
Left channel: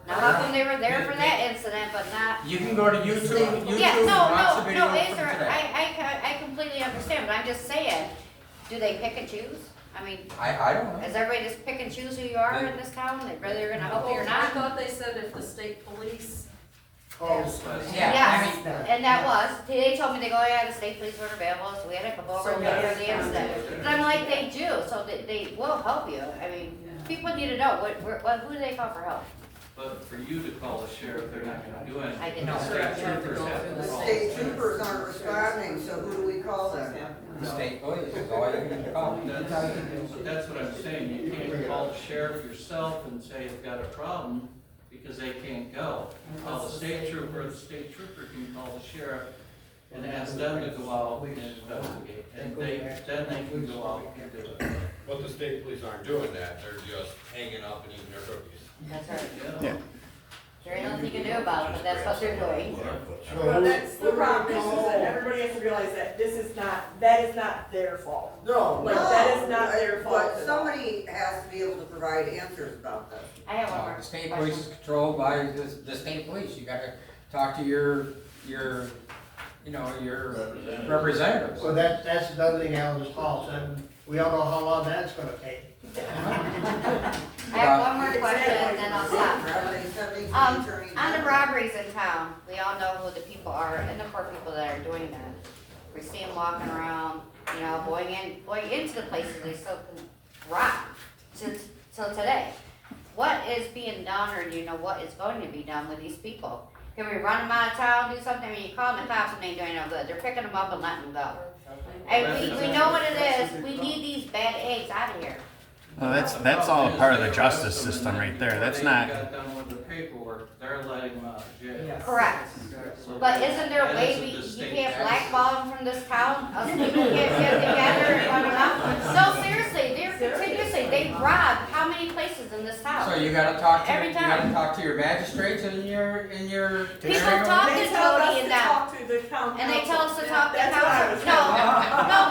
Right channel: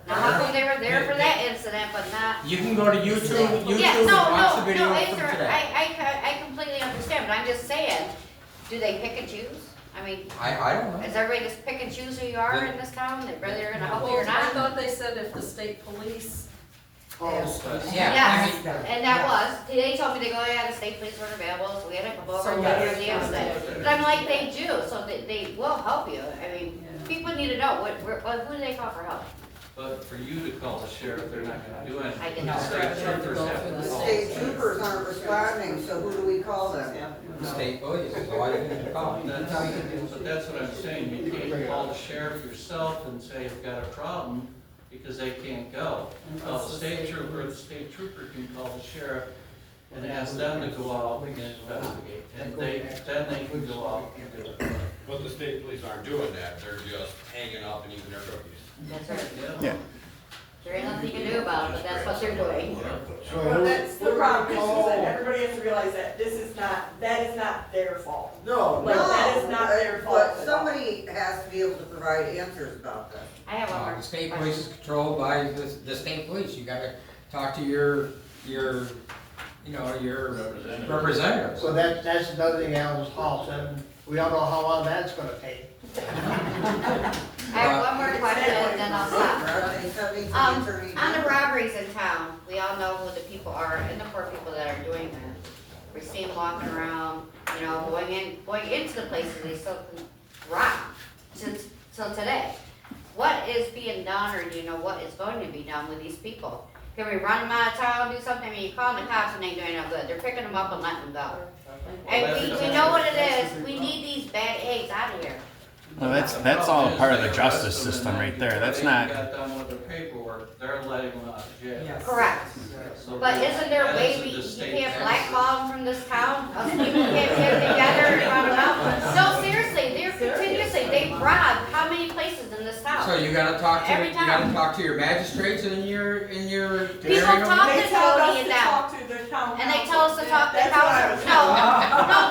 Now, how come they were there for that incident, but not? You can go to YouTube Yeah, and no, watch the no, video no, from answer, today. I completely understand, but I'm just saying, do they pick and choose? I mean, I don't know. is everybody just pick and choose who you are in this town, that whether you're gonna help you or I not? thought they said if the state police. Yes, Yeah, and that was, they told me, they go, yeah, the state police weren't available, so we had to come over So and that get is the incident. But I'm like, they do, so they will help you, I mean, people need to know, who do they call for help? But for you to call the sheriff, they're not gonna do anything. I can The tell. state troopers have to The call. state troopers aren't responding, so who do we call them? The state police is all you can call. That's but that's what I'm saying, you can't call the sheriff yourself and say you've got a problem, because they can't go. Call the state trooper can call the sheriff and ask them to go out and investigate, and then they can go out and do it. But the state police aren't doing that, they're just hanging up and eating their cookies. That's right. Yeah. There ain't nothing you can do about it, but that's what they're doing. Well, that's the problem, is that everybody has to realize that that is not their fault. No, Like, that is not their fault. But somebody has to be able to provide answers about this. I have one more. The state police is controlled by the state police. You gotta talk to your representatives. So that's another thing Alan Hall said, we all know how long that's gonna take. I have one more question, and then I'll stop. They sent me to the attorney On the general. robberies in town, we all know who the people are, and the poor people that are doing that. We see them walking around, going into the places they still can rob, till today. What is being done, or do you know what is going to be done with these people? Can we run them out of town, do something? I mean, you call the cops and they ain't doing no good, they're picking them up and letting them go. And we know what it is, we need these bad eggs out of here. Well, that's all part of the justice system right there. That's not. They got done with the paperwork, they're letting them out of jail. Correct. So But isn't there a way you can't blackball them from this town? Us people can't get together and run them out? No, seriously, they're continuously, they robbed how many places in this town? So you gotta talk to, Every you time. gotta talk to your magistrates in your People area. talk They to tell Tony us and to them, talk to the town and they council. tell us to talk to That's what I was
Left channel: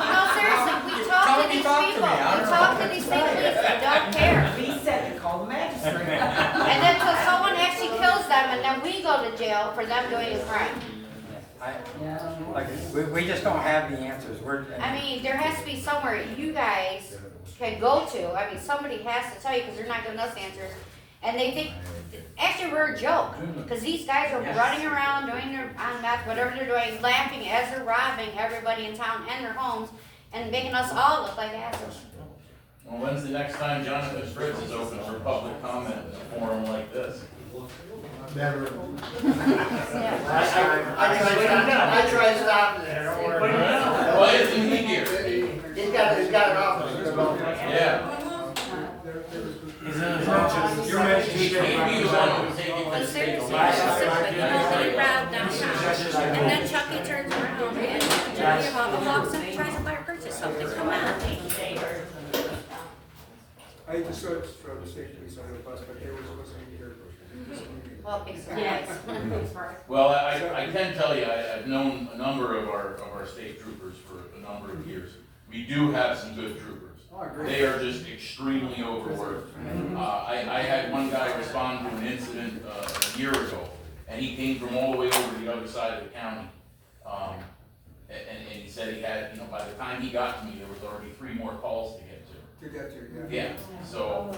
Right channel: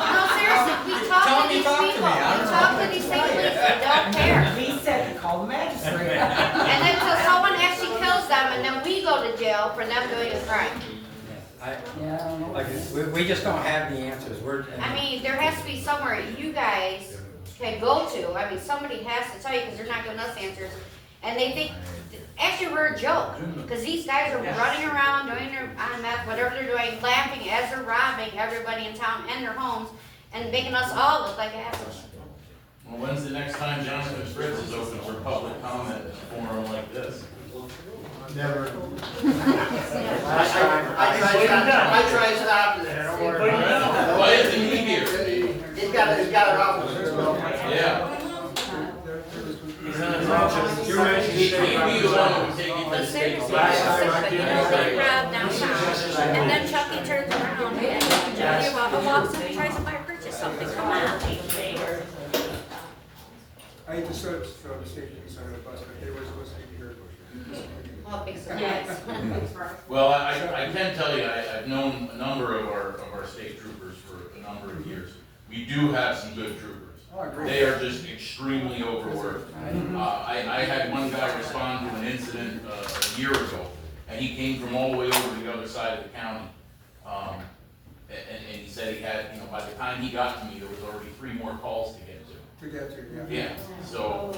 no, seriously, we talk to Tony, these talk to people, me. I we don't talk know. to these state police that don't care. We said to call the magistrate. And then so someone actually kills them, and then we go to jail for them doing a crime. We just don't have the answers. I mean, there has to be somewhere you guys can go to. I mean, somebody has to tell you, because they're not giving us answers. And they think, actually, we're a joke, because these guys are running around, doing their, on meth, whatever they're doing, laughing as they're robbing everybody in town and their homes, and making us all look like assholes. Well, when's the next time Jonathan Fritz is open for public comment in a forum like this? Never. I tried stopping there, don't worry. Why isn't he here? He's got an office. Yeah. You mentioned He'd be the one who would take it to But the state. seriously, they rob downtown, and then Chucky turns around and Johnny walks up and tries to buy or purchase something, come on. I hate to throw the state police under the bus, but they were listening to your question. Well, big surprise. Well, I can tell you, I've known a number of our state troopers for a number of years. We do have some good troopers. Oh, I agree. They are just extremely overworked. I had one guy respond to an incident a year ago, and he came from all the way over the other side of the county. And he said he had, you know, by the time he got to me, there was already 3 more calls to get to. To get to, yeah. Yeah, so,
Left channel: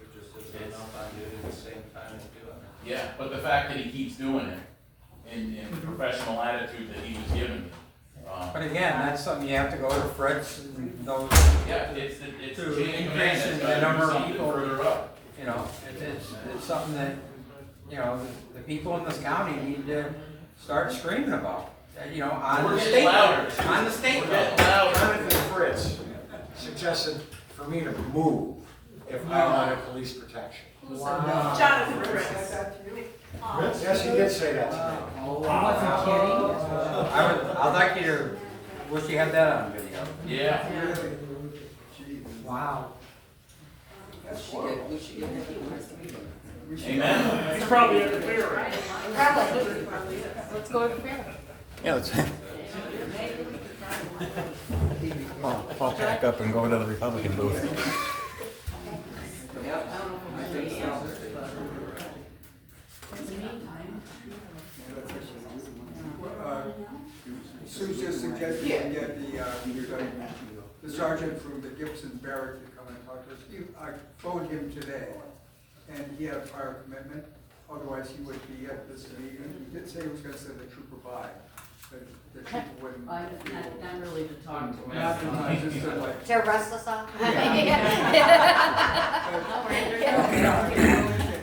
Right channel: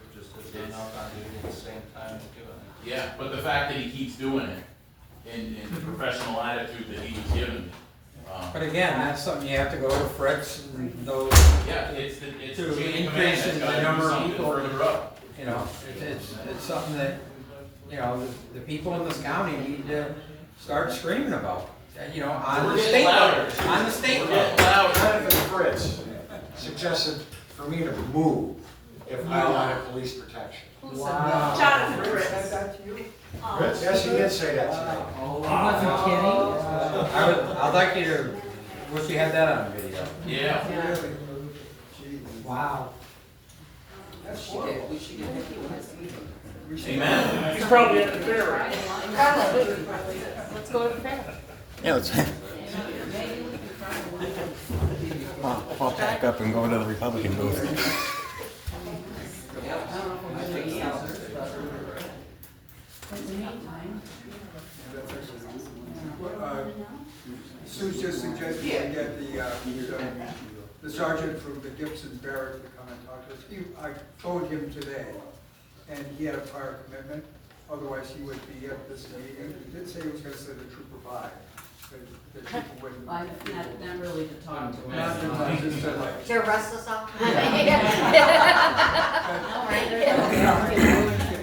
It just is enough on duty at the same time of doing it. yeah, but the fact that he keeps doing it in the professional attitude that he was giving me. But again, that's something you have to go to Fritz and those. Yeah, it's the To chain of command increase that's the gotta number do of something people. further up. You know, it's something that, you know, the people in this county need to start screaming about. You know, on We're the getting state louder. level, on the state We're level. getting louder. Jonathan Fritz suggested for me to move if I wanted police protection. Wow. Jonathan Fritz. Fritz? Yes, he did say that to me. He wasn't kidding. I'd like you to, wish you had that on video. Yeah. Wow. We should get the Amen. He's probably at the fair right now. Let's go to the fair. Yeah, let's. I'll pack up and go to the Republican booth. In the meantime, Sue's just suggested we get the sergeant from the Gibson Barracks to come and talk to us. I phoned him today, and he had a prior commitment, otherwise he would be at this meeting. He did say he was gonna send a trooper by, but the trooper wouldn't. not really to talk to. Not too much, just to like. To arrest us all? To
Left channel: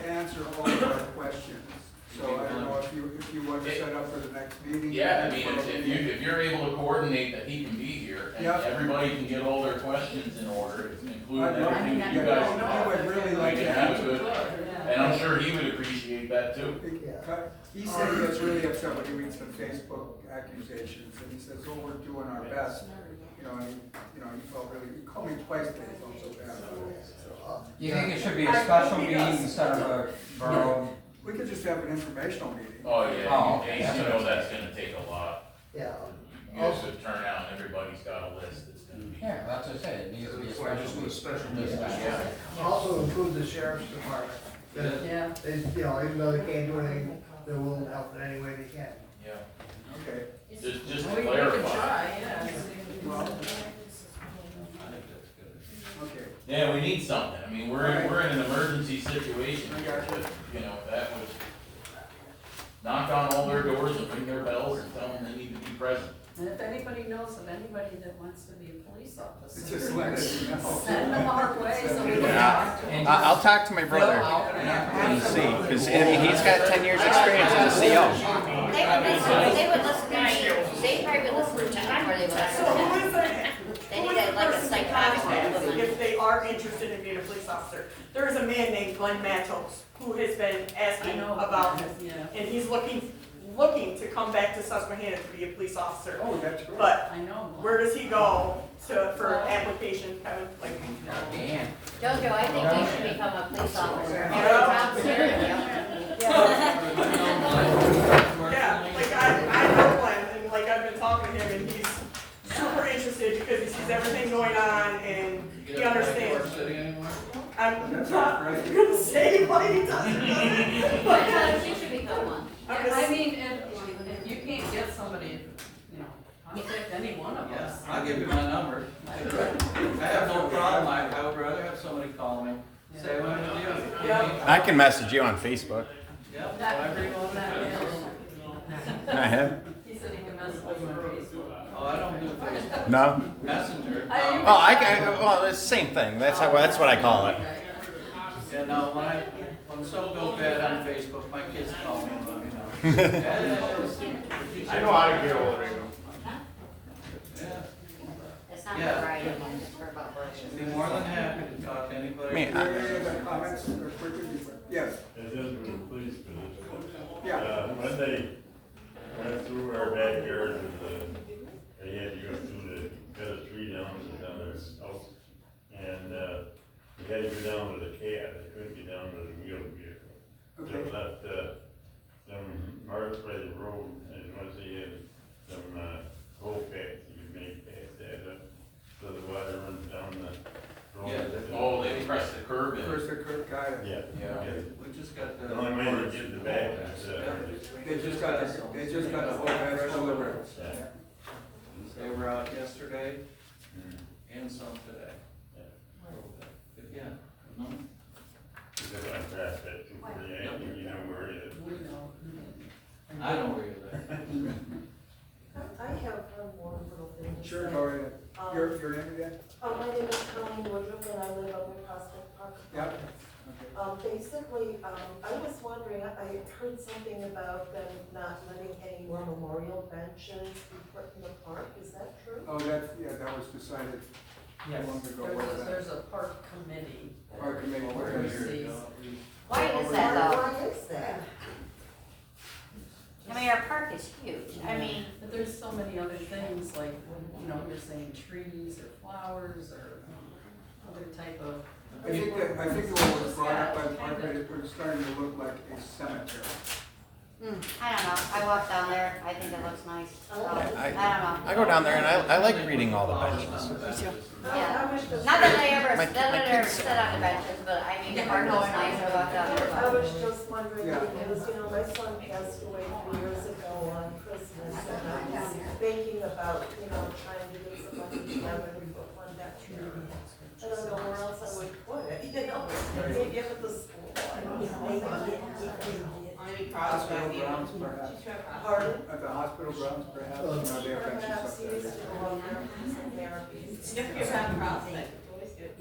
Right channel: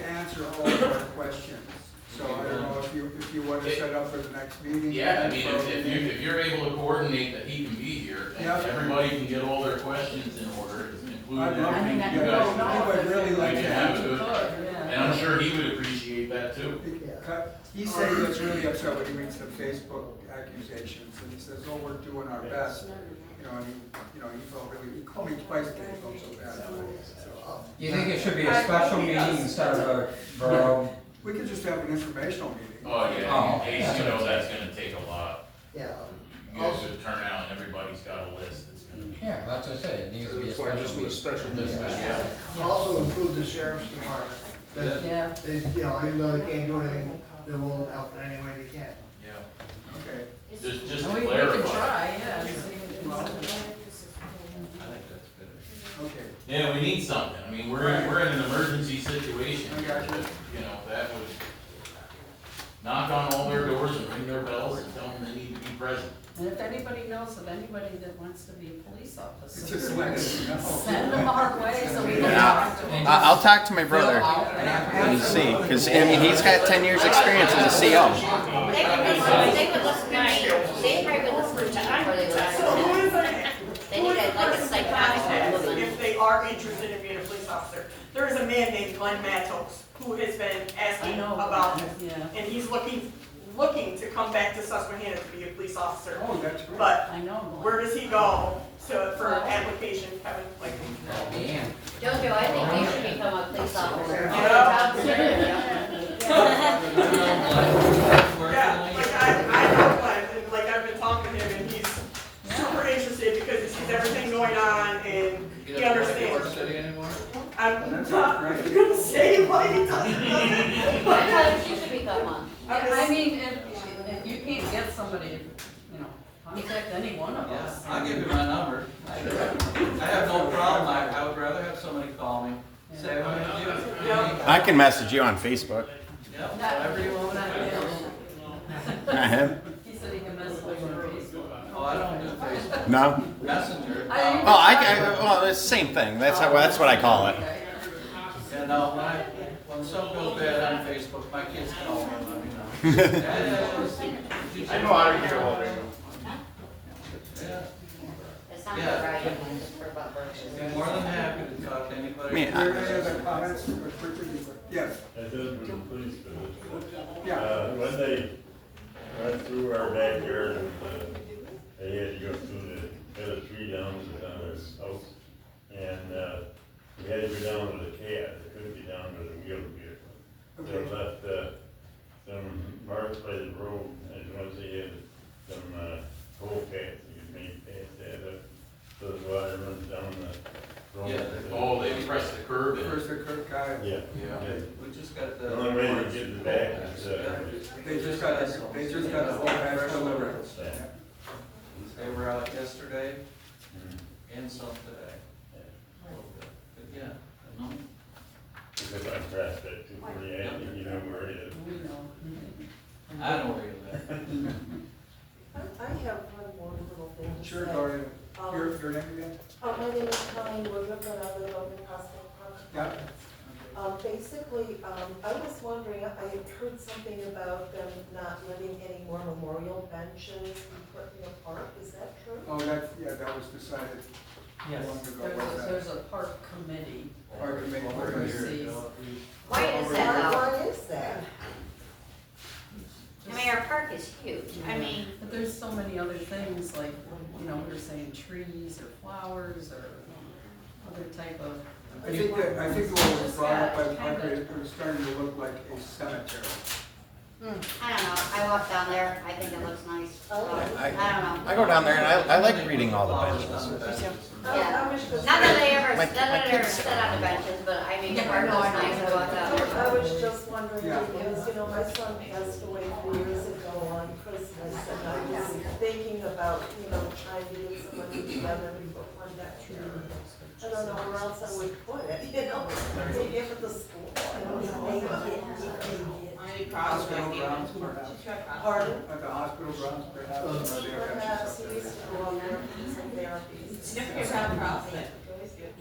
answer all of our questions, so I don't know if you want to set up for the next meeting. Yeah, I mean, if you're able to coordinate that he can be here, and Yeah. everybody can get all their questions in order, including I everything I you don't guys. know. I would really like We to can have have a good, Yeah. and I'm sure he would appreciate that too. He said he gets really upset when he reads the Facebook accusations, and he says, oh, we're doing our best. You know, and he felt really, he called me twice today, he felt so bad about it. So, You think it should be a special meeting instead of a borough? we could just have an informational meeting. Oh, yeah, Oh, in case you know that's gonna take a lot. Yeah. You guys should turn out and everybody's got a list that's gonna be. Yeah, that's what I say, it needs to be a That's why I special just do a meeting. special Just meeting. that. Also include the sheriff's department. Yeah. They, you know, even though they can't do anything, they will help in any way they can. Yeah. Okay. Just to We can clarify. try, yeah. I think that's good. Okay. Yeah, we need something. I mean, we're in an emergency situation I here, got you. that, you know, that would knock on all their doors and ring their bells and tell them they need to be present. And if anybody knows of anybody that wants to be a police Just let officer, us know. send them our way so we can Yeah. talk to them. I'll talk to my brother and see, because I mean, he's got 10 years experience as a CO. They would listen to me, they probably would listen to Chuck before they would So listen who to is me. their, They who need is a- the like a person to psychotic contact woman. if they are interested in being a police officer? There is a man named Glenn Matos who has been I asking know. about this, Yeah. and he's looking to come back to Susquehanna to be a police officer. Oh, that's great. But I know. where does he go for application, Kevin? Like, Dan. Jojo, I think you should become a police officer. Yeah, like I know Glenn, and like I've been talking to him, and he's super interested because he sees everything going on and he understands. City anymore? I'm not gonna say what he does. I tell you, she should become one. I mean, if you can't get somebody, you know, contact any one of Yeah, us. I'll give you my number. I have no problem, I would rather have somebody call me, say what to do. Yeah. I can message you on Facebook. Yeah, whatever you want to do. I have. He said he can message you on Facebook. Oh, I don't do Facebook. No? Messenger. Oh, well, it's the same thing. That's what I call it. You know, when something goes bad on Facebook, my kids call me and let me know. I know how to get hold of him. It's not Yeah. right, it's for about I'd be more than happy to talk to anybody. I mean, Are there any other comments? Or quickly? Yes. It does with the police position. Yeah. When they went through our backyard and they had to go through cut a tree down their house. And we had to go down with a cab, they couldn't get down with a wheeled vehicle. They Okay. left some marks by the road, and once they had some coal packs, you could make past that up. So the water runs down the Yeah, they press the curb in. First the curb guy. Yeah. Yeah, we just got the. The only way to get it back is, They just got the whole batch delivered. They were out yesterday and some today. A little bit. But yeah. Because I'm past that 248, you know where it is. We know. I know where you live. I have one more little thing to Sure, say. go ahead. Your name again? My name is Connie Woodruff, and I live up in Prospect Park. Yeah. Basically, I was wondering, I had heard something about them not letting any more memorial benches be put in the park, is that true? Oh, that was decided long ago. There's a park committee. Park committee. Oversees. Why is that though? Why is that? I mean, our park is huge, I mean, But there's so many other things, like, you know, we're saying trees or flowers or other type of. I think the one that was brought up by the park, it was starting to look like a cemetery. I don't know, I walk down there, I think it looks nice, so, I don't know. I go down there and I like reading all the benches. Yeah, not that I ever, My not that I ever kids- sit on the benches, but I mean, the park looks nice, I walk down I there. was just wondering, Yeah. because, you know, my son passed away 3 years ago on Christmas, and I was thinking about, you know, trying to get some money together to put one back here. I don't know where else I would put it, you know, maybe up at the school. I don't know. Hospital grounds, perhaps. Pardon? At the hospital grounds, perhaps. No, they have benches Perhaps up he there. used to go on there for some therapies.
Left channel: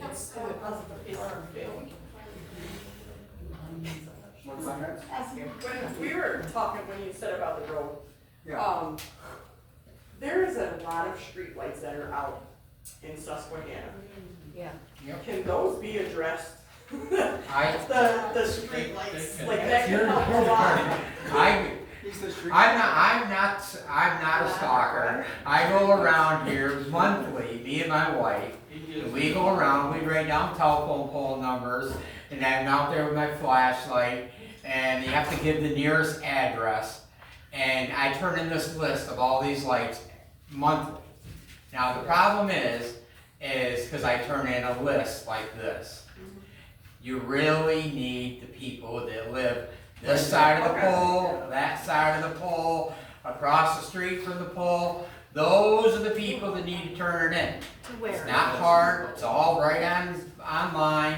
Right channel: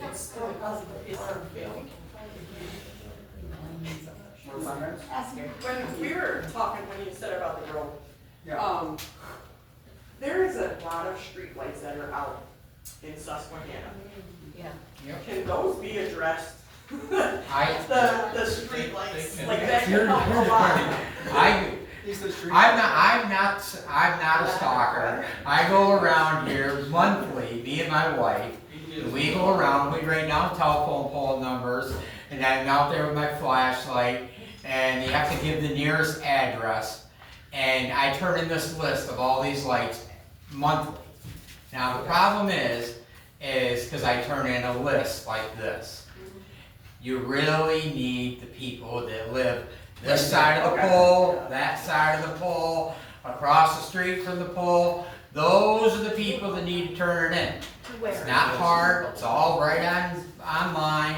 It's still a possible. More comments? When we were talking, when you said about the road, Yeah. there is a lot of streetlights that are out in Susquehanna. Yeah. Can those be addressed? The They streetlights, can. like that can help a lot. I'm not a stalker. I go around here monthly, me and my wife, and we go around, we write down telephone pole numbers, and I'm out there with my flashlight, and you have to give the nearest address, and I turn in this list of all these lights monthly. Now, the problem is because I turn in a list like this. You really need the people that live this side of the pole, that side of the pole, across the street from the pole. Those are the people that need to turn it in. It's not hard, it's all right online,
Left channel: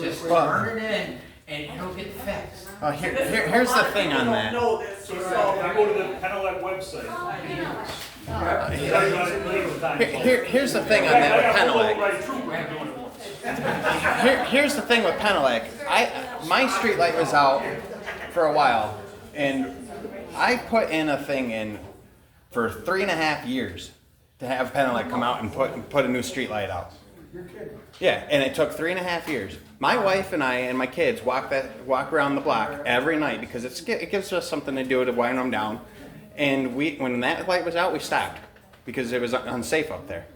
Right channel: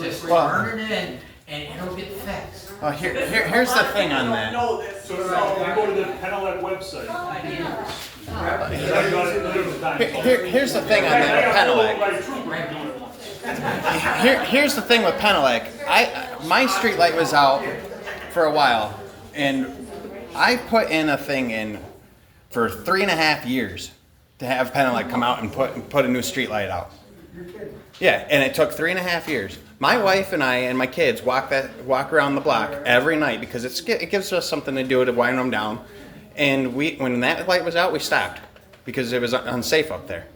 just turn it in and it'll get fixed. Here's the thing on that. Know this, So, so. they go to the Penelec website. Here's the thing on that with Penelec. Here's the thing with Penelec. My street light was out for a while, and I put in a thing in for 3.5 years to have Penelec come out and put a new street light out. Yeah, and it took 3.5 years. My wife and I and my kids walk around the block every night because it gives us something to do to wind them down. And when that light was out, we stopped because it was unsafe up there.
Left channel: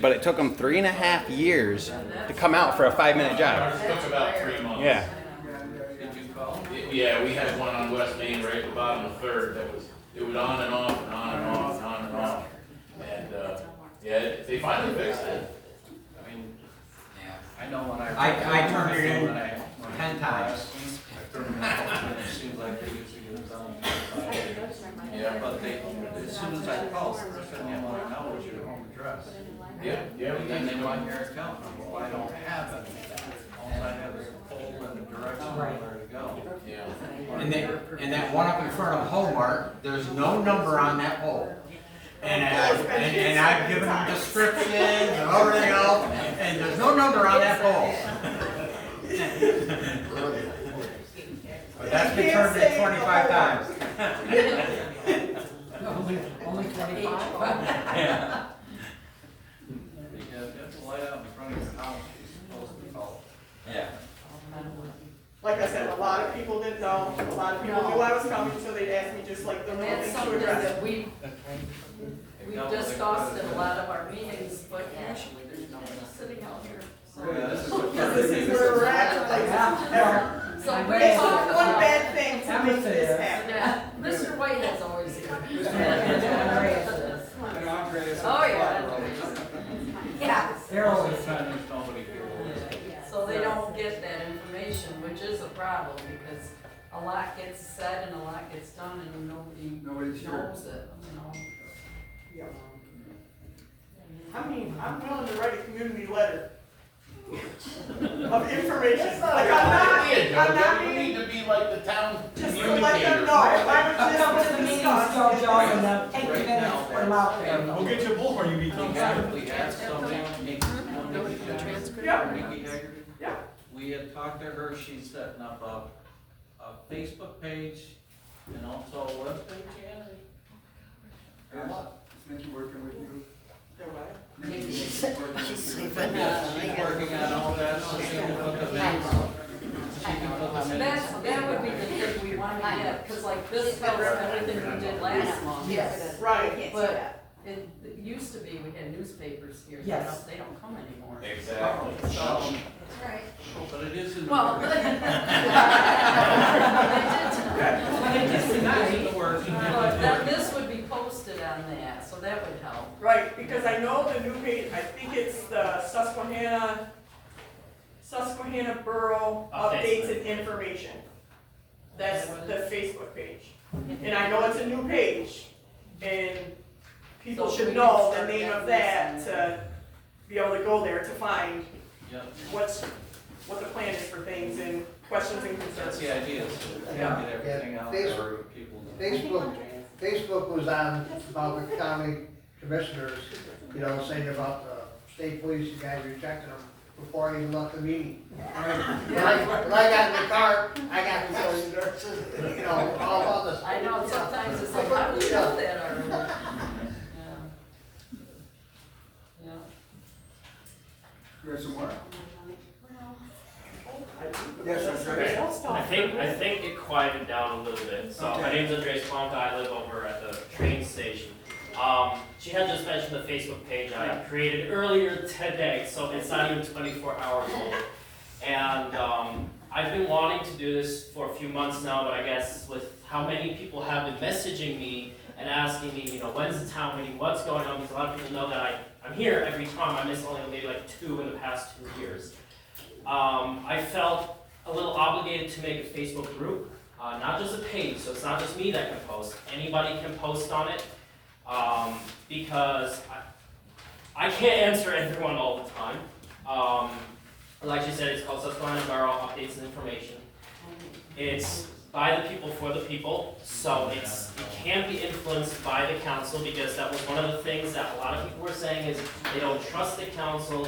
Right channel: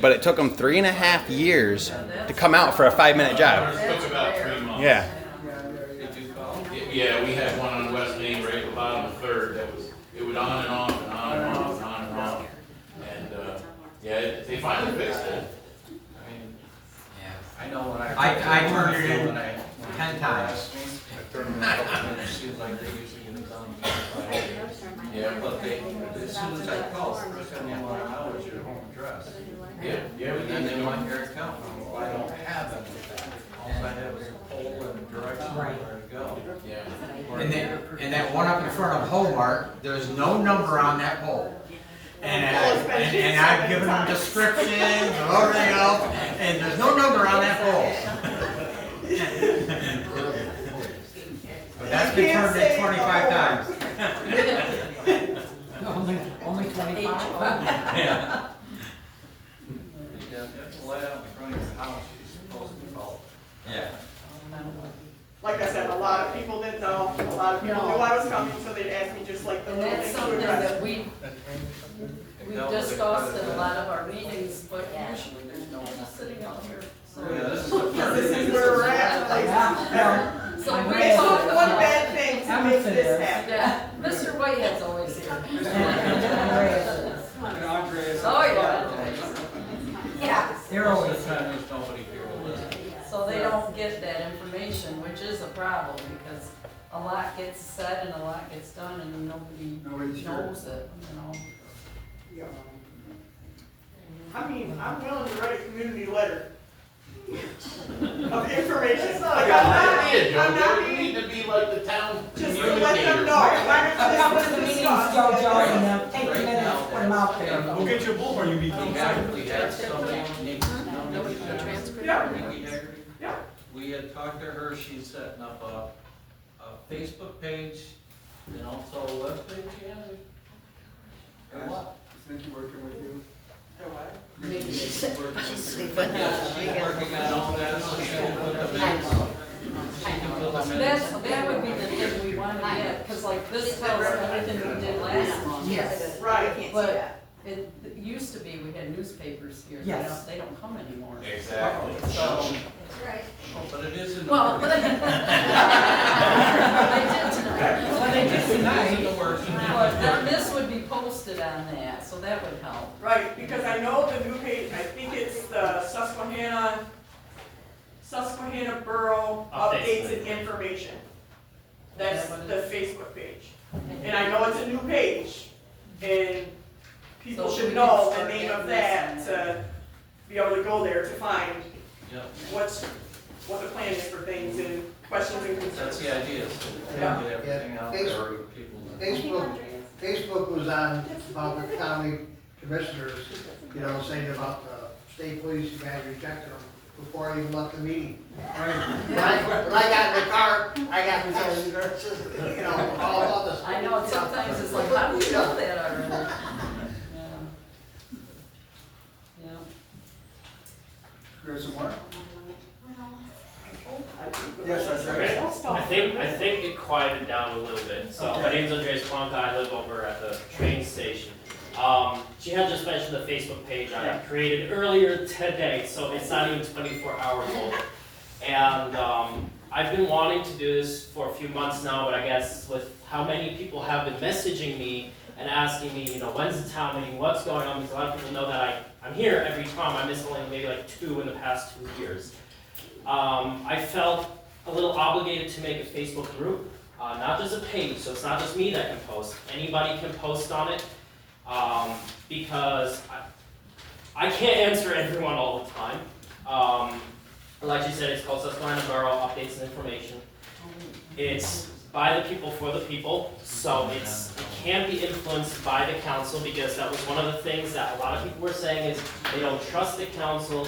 But it took them 3.5 years to come out for a 5-minute job. It took about 3 months. Yeah. Did you call? Yeah, we had one on West Main right at the bottom of Third it was on and off and on and off and on and off. And, they finally fixed it. I mean, I know when I turned it in 10 times. It seems like they usually get it done. Yeah. But as soon as I call, they're sending me one hours your home address. Yeah, And then they want your account. Well, I don't have any of that. All I have is a pole and a direction of where to go. yeah. And that one up in front of Hallmark, there's no number on that pole. And I've given them descriptions and everything else, and there's no number on that pole. But that's been turned in 25 times. Only 25. Yeah. You have to lay out in front of your house, you're supposed to follow. Yeah. Like I said, a lot of people didn't know, a lot of people knew I was coming, so they'd ask me just like the And little that's things to something address. that we've discussed in a lot of our meetings, but usually there's nobody sitting out here. So This is where we're at, like, So we it talk took one about- bad thing to make this happen. Yeah, Mr. Whitehead's always here. And Andreas. Oh, yeah. Yeah. They're always trying to, there's nobody here to listen. lot gets said and a lot gets done and nobody Nobody's sure. knows it, you know? Yeah. I mean, I'm willing to write a community letter of information, like I'm not You being, need to be like the town just to let them communicator. know. I'll come to the meetings, Joe, and take the Right minutes, now, put them out there. We'll get you a bullhorn, you meet. We had somebody, Nikki Haggerty. Yeah. Nikki Haggerty. Yeah. We had talked to her, she's setting up a Facebook page and also a webpage, yeah. Since working with you. She's working on all that, so she can put them in. She can put them in. That would be the thing we want to get, cause like this tells everything we did last month. Yes. Right. But it used to be, we had newspapers here, Yes. they don't come anymore. Exactly. So, But it is in the. well, but they did tonight. But they just tonight. But then this would be posted on that, so that would help. Right, because I know the new page, I think it's the Susquehanna Borough Updates and Information. That's the Facebook page. And I know it's a new page, and people So should we know can the start name of getting this that on to be able to go there to find Yep, what the plan is for things and questions and concerns. that's the idea, so we can Yeah. get everything out there for people. Facebook was on about the county commissioners, you know, saying about the state police, you guys rejected them before I even left the meeting. When I got in the car, I got texts, you know, all about this. I know, sometimes it's like, how do you know that already? Yeah. Yeah. You have some more? Yes, that's Okay, right. don't stop. I think it quieted down a little bit. So my name's Andreas Plonka, I live over at the train station. She had just mentioned the Facebook page I created earlier today, so it's not even 24 hours old. And I've been wanting to do this for a few months now, but I guess with how many people have been messaging me and asking me, you know, when's the town meeting, what's going on, because a lot of people know that I'm here every time. I missed only maybe like 2 in the past 2 years. I felt a little obligated to make a Facebook group, not just a page, so it's not just me that can post. Anybody can post on it, because I can't answer everyone all the time. Like you said, it's called Susquehanna Borough Updates and Information. It's by the people for the people, so it can't be influenced by the council, because that was one of the things that a lot of people were saying is they don't trust the council,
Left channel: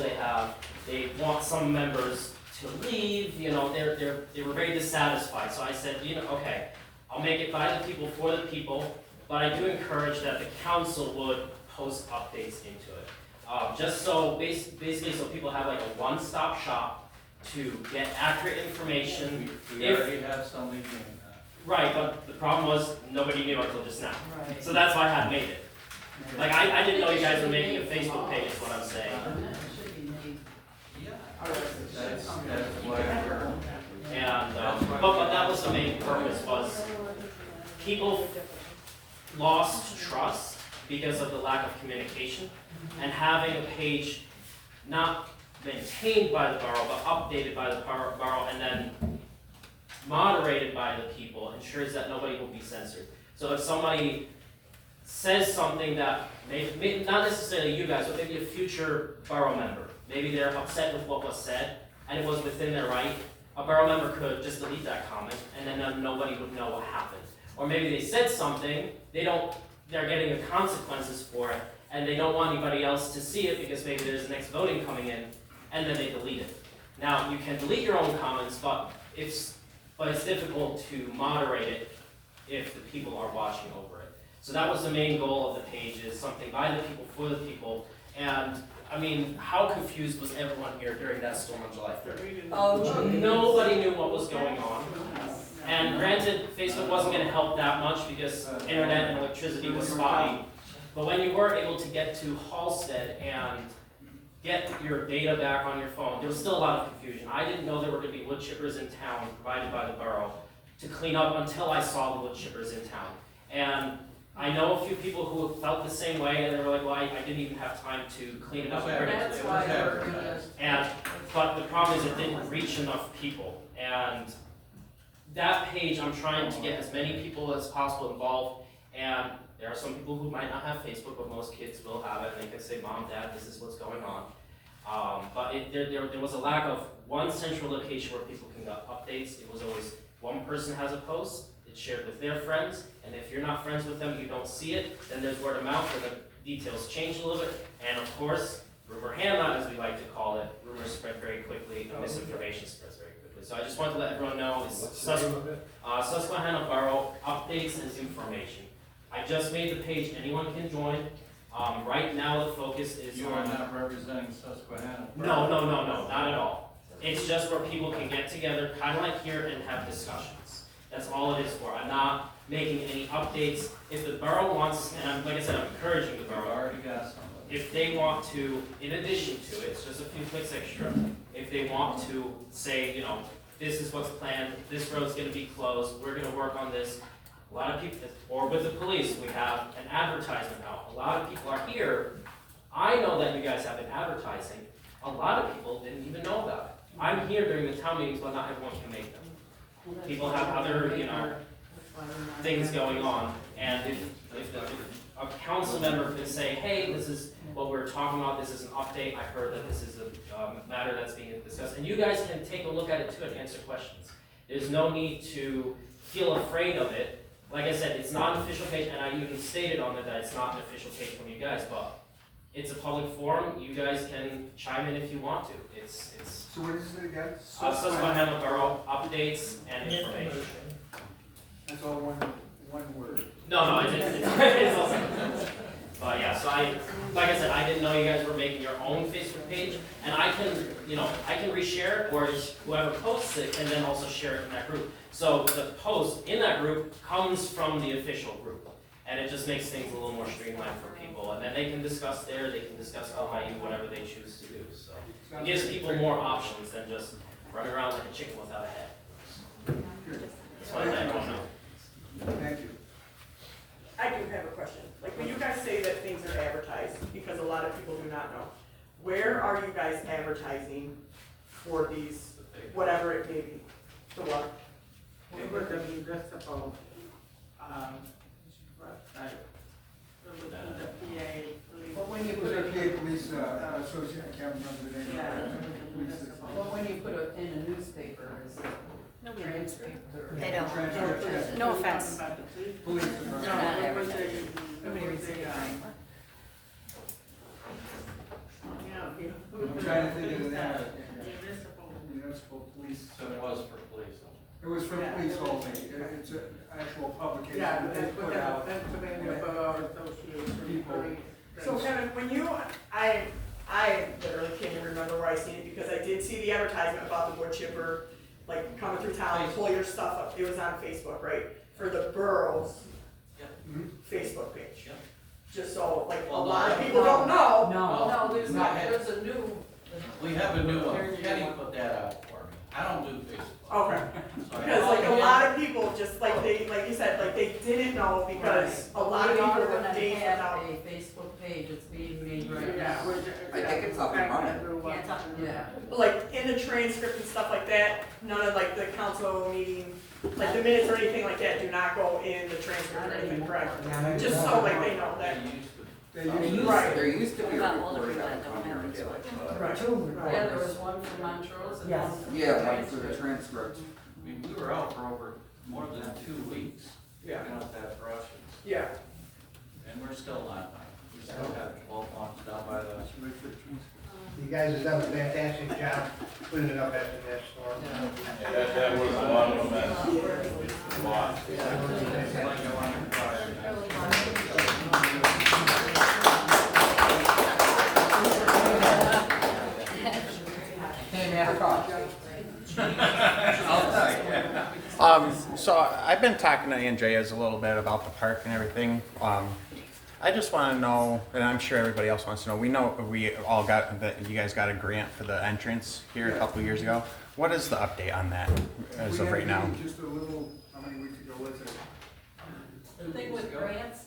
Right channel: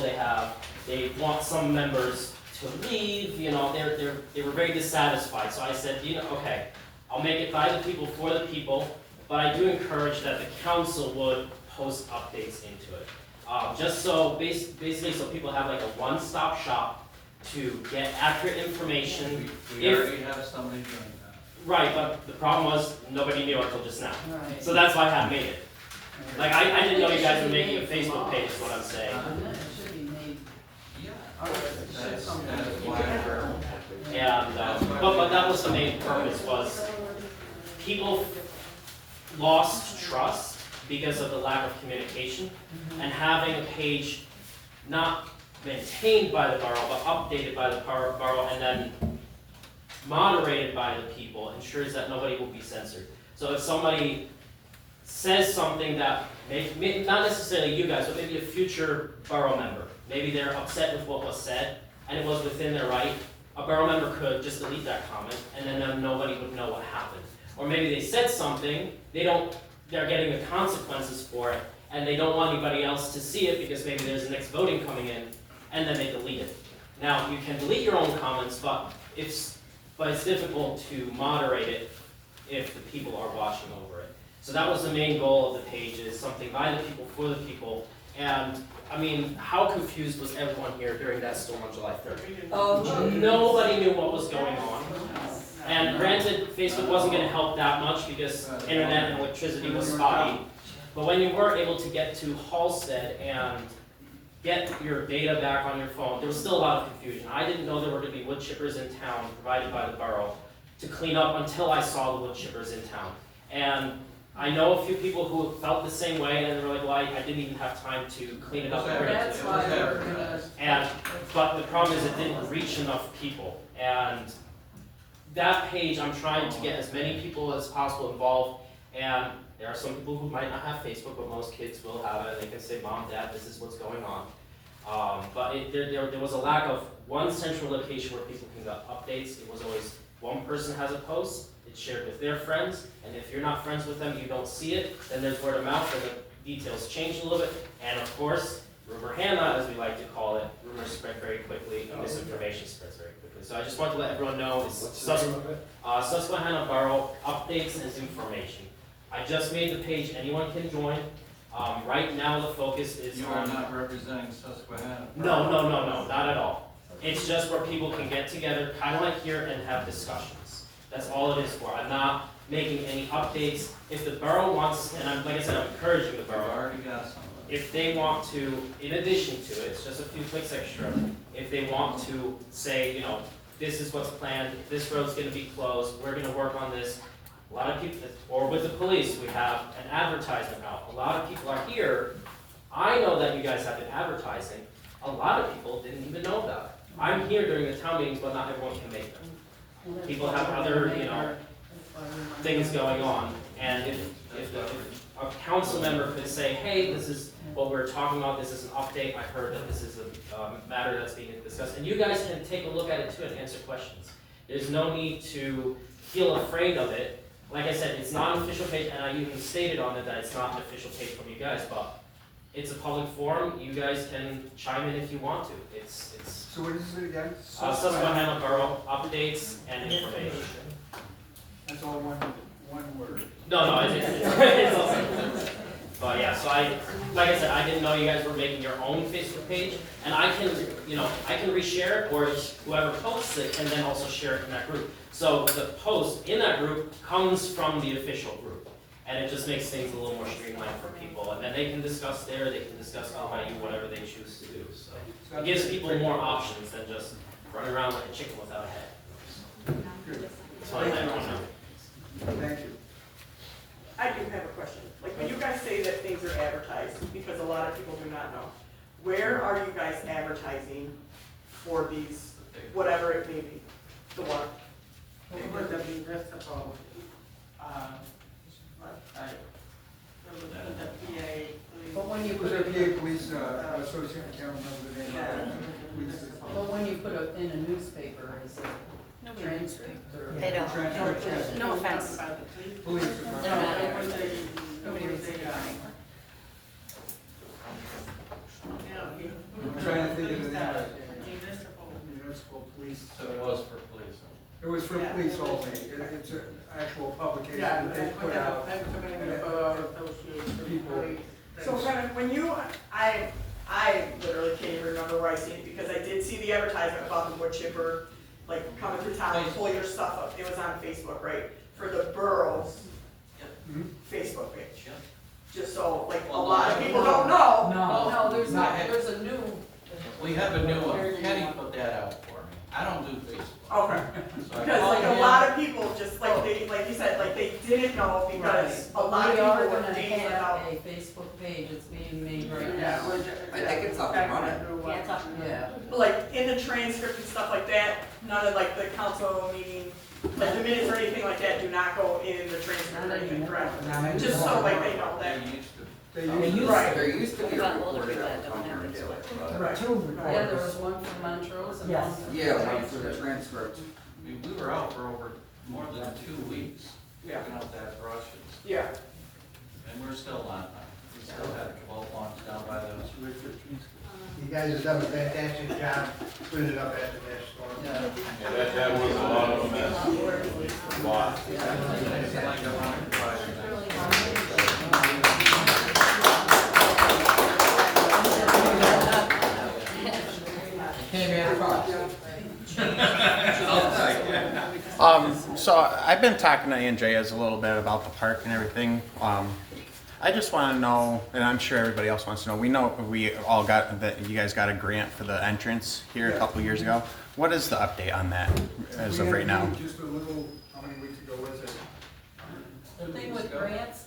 they want some members to leave, you know, they were very dissatisfied. So I said, you know, okay, I'll make it by the people for the people, but I do encourage that the council would post updates into it. Just so, basically, so people have like a one-stop shop to get accurate information. We already have somebody doing that. Right, but the problem was, nobody knew until just now. Right. So that's why I hadn't made it. Like, I didn't know you guys were making a Facebook page, is what I'm saying. It should be made. Yeah. That's why we're. And, but that was the main purpose, was people lost trust because of the lack of communication, and having a page not maintained by the borough, but updated by the borough, and then moderated by the people, ensures that nobody will be censored. So if somebody says something that may not necessarily you guys, but maybe a future borough member, maybe they're upset with what was said, and it was within their right, a borough member could just delete that comment, and then nobody would know what happened. Or maybe they said something, they're getting the consequences for it, and they don't want anybody else to see it because maybe there's the next voting coming in, and then they delete it. Now, you can delete your own comments, but it's difficult to moderate it if the people are watching over it. So that was the main goal of the page, is something by the people, for the people. And, I mean, how confused was everyone here during that storm on July 3rd? Oh, Nobody knew what was going on. And granted, Facebook wasn't going to help that much because internet and electricity was spotty. But when you were able to get to Halstead and get your data back on your phone, there was still a lot of confusion. I didn't know there were going to be wood chippers in town provided by the borough to clean up until I saw the wood chippers in town. And I know a few people who felt the same way, and they were like, well, I didn't even have time to clean it up. That's why we're gonna. But the problem is it didn't reach enough people. And that page, I'm trying to get as many people as possible involved, and there are some people who might not have Facebook, but most kids will have it, and they can say, Mom, Dad, this is what's going on. But there was a lack of one central location where people can get updates. It was always one person has a post, it's shared with their friends, and if you're not friends with them, you don't see it, then there's word of mouth, and the details change a little bit, and of course, rumor Hannah, as we like to call it, rumors spread very quickly, and misinformation spreads very quickly. So I just want to let everyone know, it's Susquehanna Borough Updates and Information. I just made the page, anyone can join. Right now, the focus is You are not representing Susquehanna. No, not at all. It's just where people can get together, kind of like here, and have discussions. That's all it is for. I'm not making any updates. If the borough wants, and like I said, I'm encouraging the borough. You've already got somebody. If they want to, in addition to it, it's just a few clicks extra, if they want to say, you know, this is what's planned, this road's gonna be closed, we're gonna work on this. A lot of people, or with the police, we have an advertisement out. A lot of people are here. I know that you guys have been advertising. A lot of people didn't even know about it. I'm here during the town meetings, but not everyone can make them. People have other, you know, things going on, and if a council member could say, hey, this is what we're talking about, this is an update, I heard that this is a matter that's being discussed, and you guys can take a look at it too and answer questions. There's no need to feel afraid of it. Like I said, it's not an official page, and I even stated on it that it's not an official page from you guys, but it's a public forum, you guys can chime in if you want to. It's So what is it again? Susquehanna Borough Updates and Information. That's all one word. No, I didn't. It's also, but yeah, so like I said, I didn't know you guys were making your own Facebook page, and I can reshare it, or whoever posts it can then also share it in that group. So the post in that group comes from the official group, and it just makes things a little more streamlined for people, and then they can discuss there, they can discuss by you, whatever they choose to do, so. It gives people more options than just running around like a chicken without a head. That's why I let everyone know. Thank you. I do have a question. Like, when you guys say that things are advertised, because a lot of people do not know, where are you guys advertising for these, whatever it may be, the one? Over the municipal, website, the PA, police. But when you It put was it, a PA Police Association, I can't remember the name of it. but when you put it in a newspaper, is it transcript or? They don't. Transcript. No offense. Police. Nobody reads it. I'm trying to think of the name of it. Municipal Police. So it was for police. It was for police only. It's an actual publication that they put out. Pennsylvania Borough Association. People. So Kevin, when you, I literally can't even remember where I seen it, because I did see the advertisement about the wood chipper, like coming through town, pull your stuff up. It was on Facebook, right? For the borough's Facebook page. Yep. Just so, like, a Well, lot of no. people don't know. No, there's Not not, yet. there's a new. We have a new one. Kenny put that out for me. I don't do Facebook. Okay. So I- Because like a lot of people just like they, like you said, like they didn't know because a lot of We are people were gonna phasing have out. a Facebook page, it's being made right Yeah, now. I think it's up and running. Yeah. But like in the transcript and stuff like that, none of like the council meeting, like the minutes or anything like that do not go in the transcript or anything, correct? Not Just so like they know that. They used to. Right. There used to be a reporter that would come here and do it, but. Yeah, there was one for Montrose and one for. Yeah, one for the transcript. I mean, we were out for over more than 2 weeks. Yeah. Picking up that Russians. Yeah. And we're still on time. We still had 12 months down by the. You guys have done a fantastic job putting it up at the next store. Yeah, that was a lot of a mess. A lot. Like a lemon fry. So I've been talking to Andreas a little bit about the park and everything. I just want to know, and I'm sure everybody else wants to know, we all got, that you guys got a grant for the entrance here a couple years ago. What is the update on that as of right now? Just a little, how many weeks ago was it? The thing with grants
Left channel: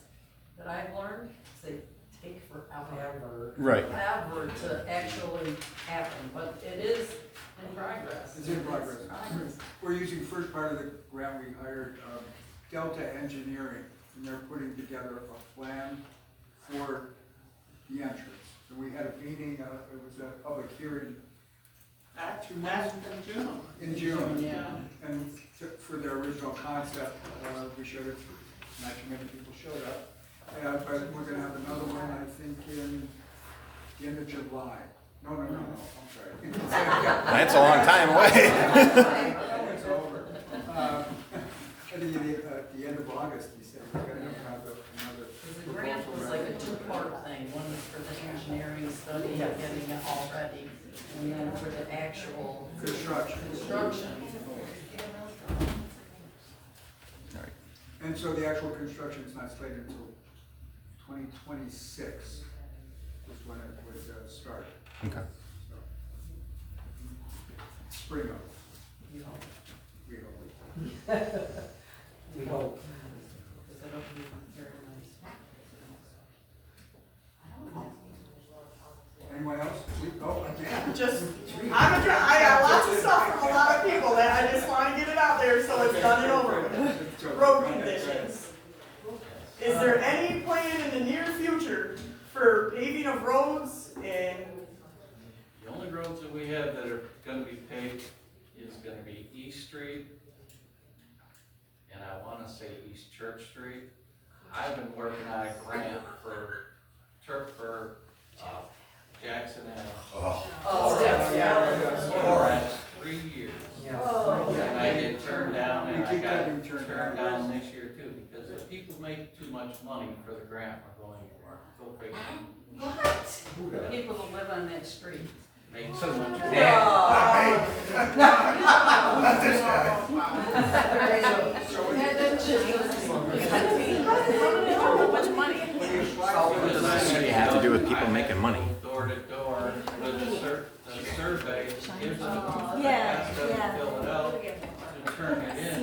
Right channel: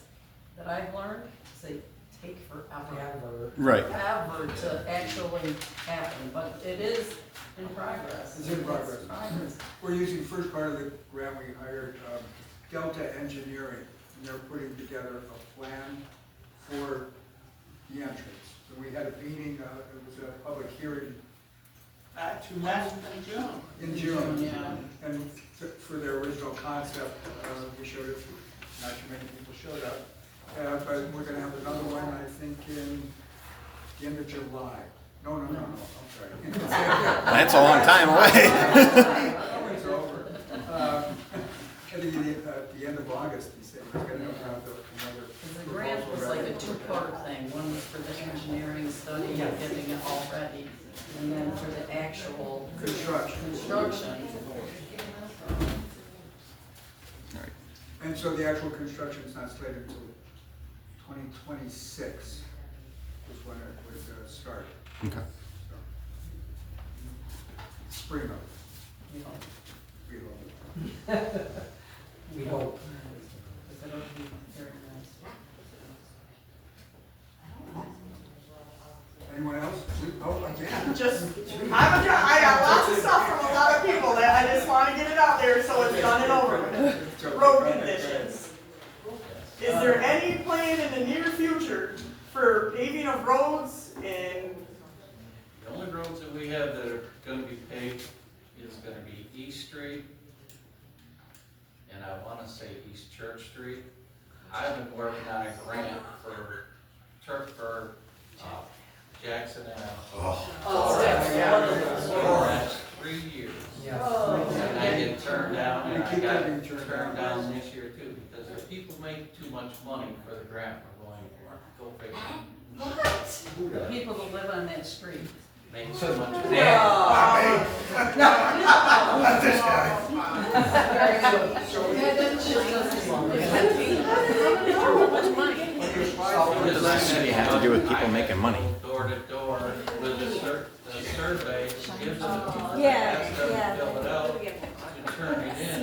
that I've learned, is they take forever. Right. Forever to actually happen, but it is in progress. It's in progress. Progress. We're using first part of the grant, we hired Delta Engineering, and they're putting together a plan for the entrance. So we had a meeting, it was a public hearing in June. Yeah. And for their original concept, we showed it, not too many people showed up. But we're gonna have another one, I think, in the end of July. No, I'm sorry. That's a long time away. It's over. At the end of August, he said he's gonna have another. The grant was like a two-part thing. One was for the engineering study, getting it all ready, and then for the actual construction. And so the actual construction is not slated until 2026 was when it was started. Okay. So, spring of it. We hope. We hope. We hope. Because it'll be very nice. Anyone else? Oh, again. I got lots of stuff from a lot of people that I just wanna get it out there so it's done and over with. Road conditions. Is there any plan in the near future for paving of roads and? The only roads that we have that are gonna be paved is gonna be East Street, and I wanna say East Church Street. I've been working on a grant for Jackson Ave. For the last 3 years. And I get turned down, and I got turned down this year too, because if people make too much money for the grant, we're going for it. Go figure. The people that live on that street. Make so much money. Not this guy. What does the city have to do with people making money? Door to door, with the survey, gives them, Yeah, ask them to yeah. fill it out, to turn it in.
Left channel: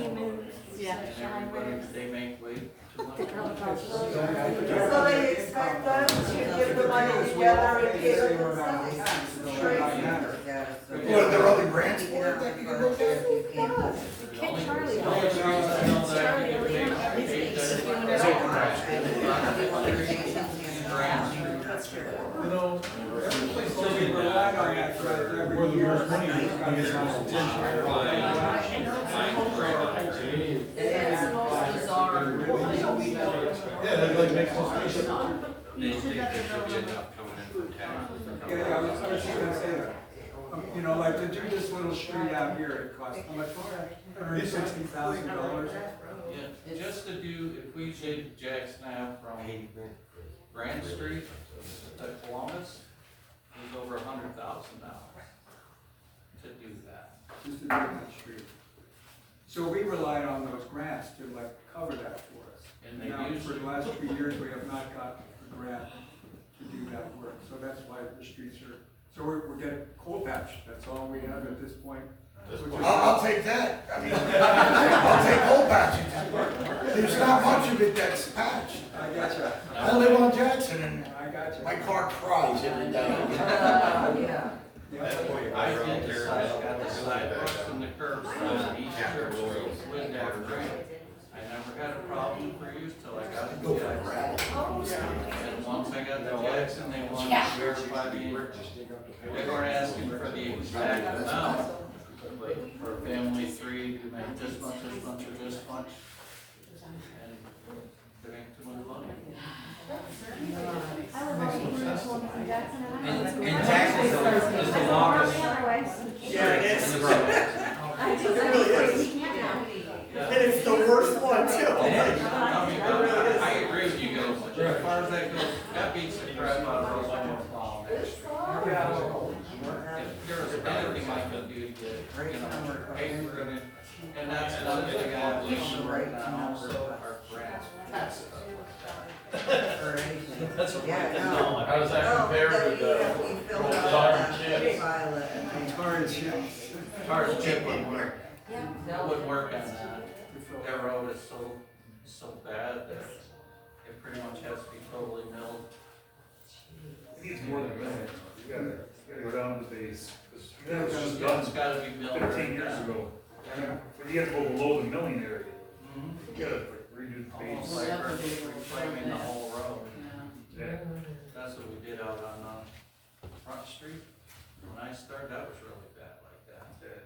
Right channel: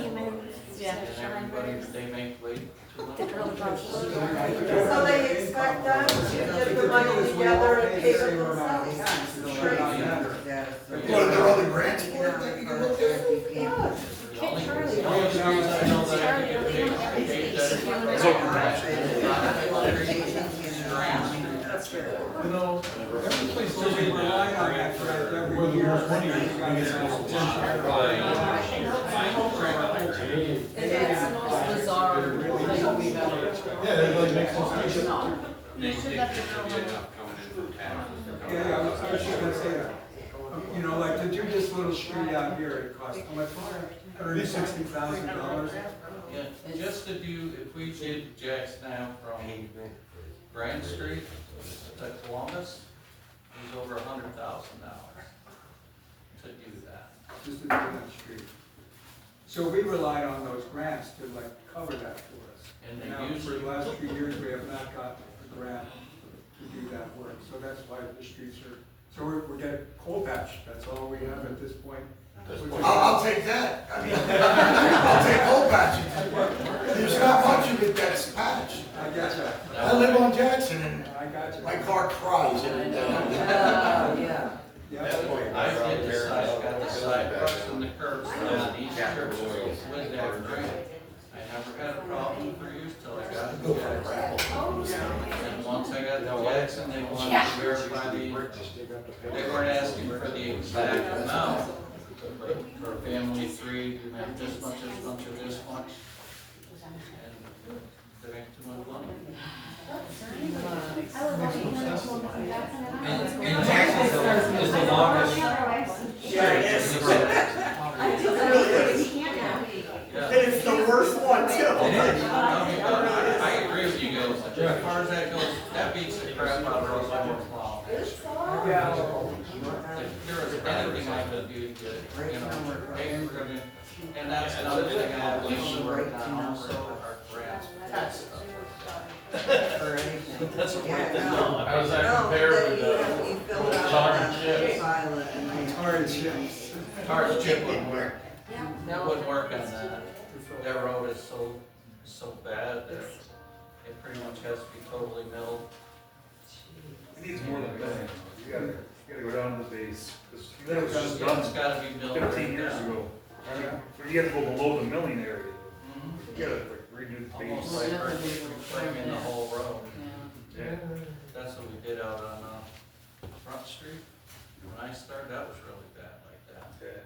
And everybody, they make way too much money. So they expect us to get the money together and pay it themselves. You know, there are other grants for it that you can look at. The only reason I know that I can get paid that is You know, every place where we rely on that credit every year. It's the most bizarre thing we've ever. Yeah, that like makes no sense. Yeah, I was just gonna say that. You know, like to do this little street out here, it costs how much? $160,000. Yeah, just to do, if we did Jackson Ave from Grand Street to Columbus, is over $100,000 to do that. Just to do that street. So we rely on those grants to like cover that for us. And they Now, for usually, the last 3 years, we have not got the grant to do that work, so that's why the streets are, so we're getting coal patch, that's all we have at this point. I'll take that. I mean, I'll take coal patching. There's not much of it that's patched. I gotcha. I live on Jackson and I gotcha. my car cries every day. Yeah. I did the got the sidewalks and the curbs on each church with that grant. I never had a problem for use till I got to Jackson. And once I got to Jackson, they wanted to verify they weren't asking for the exact amount. But for a family of 3, you make this much, and this much. And there ain't too much money. And Texas is the longest. Yeah, it is. And it's the worst one too. I agree with you guys. As far as that goes, that beats the crap out of Roseanne Plow. If there was anything I could do to get, pay for it, and that's another thing I have to work on also, our grants. That's what How does that compare with the tar and chips? Tar and chips. Tar and chip wouldn't work. It wouldn't work on that. That road is so bad that it pretty much has to be totally milled you have to go below the milling area. Mhm. You gotta redo the page. Almost like reframing the whole road. Yeah. That's what we did out on, Front Street. When I started, that was really bad like that. Yeah.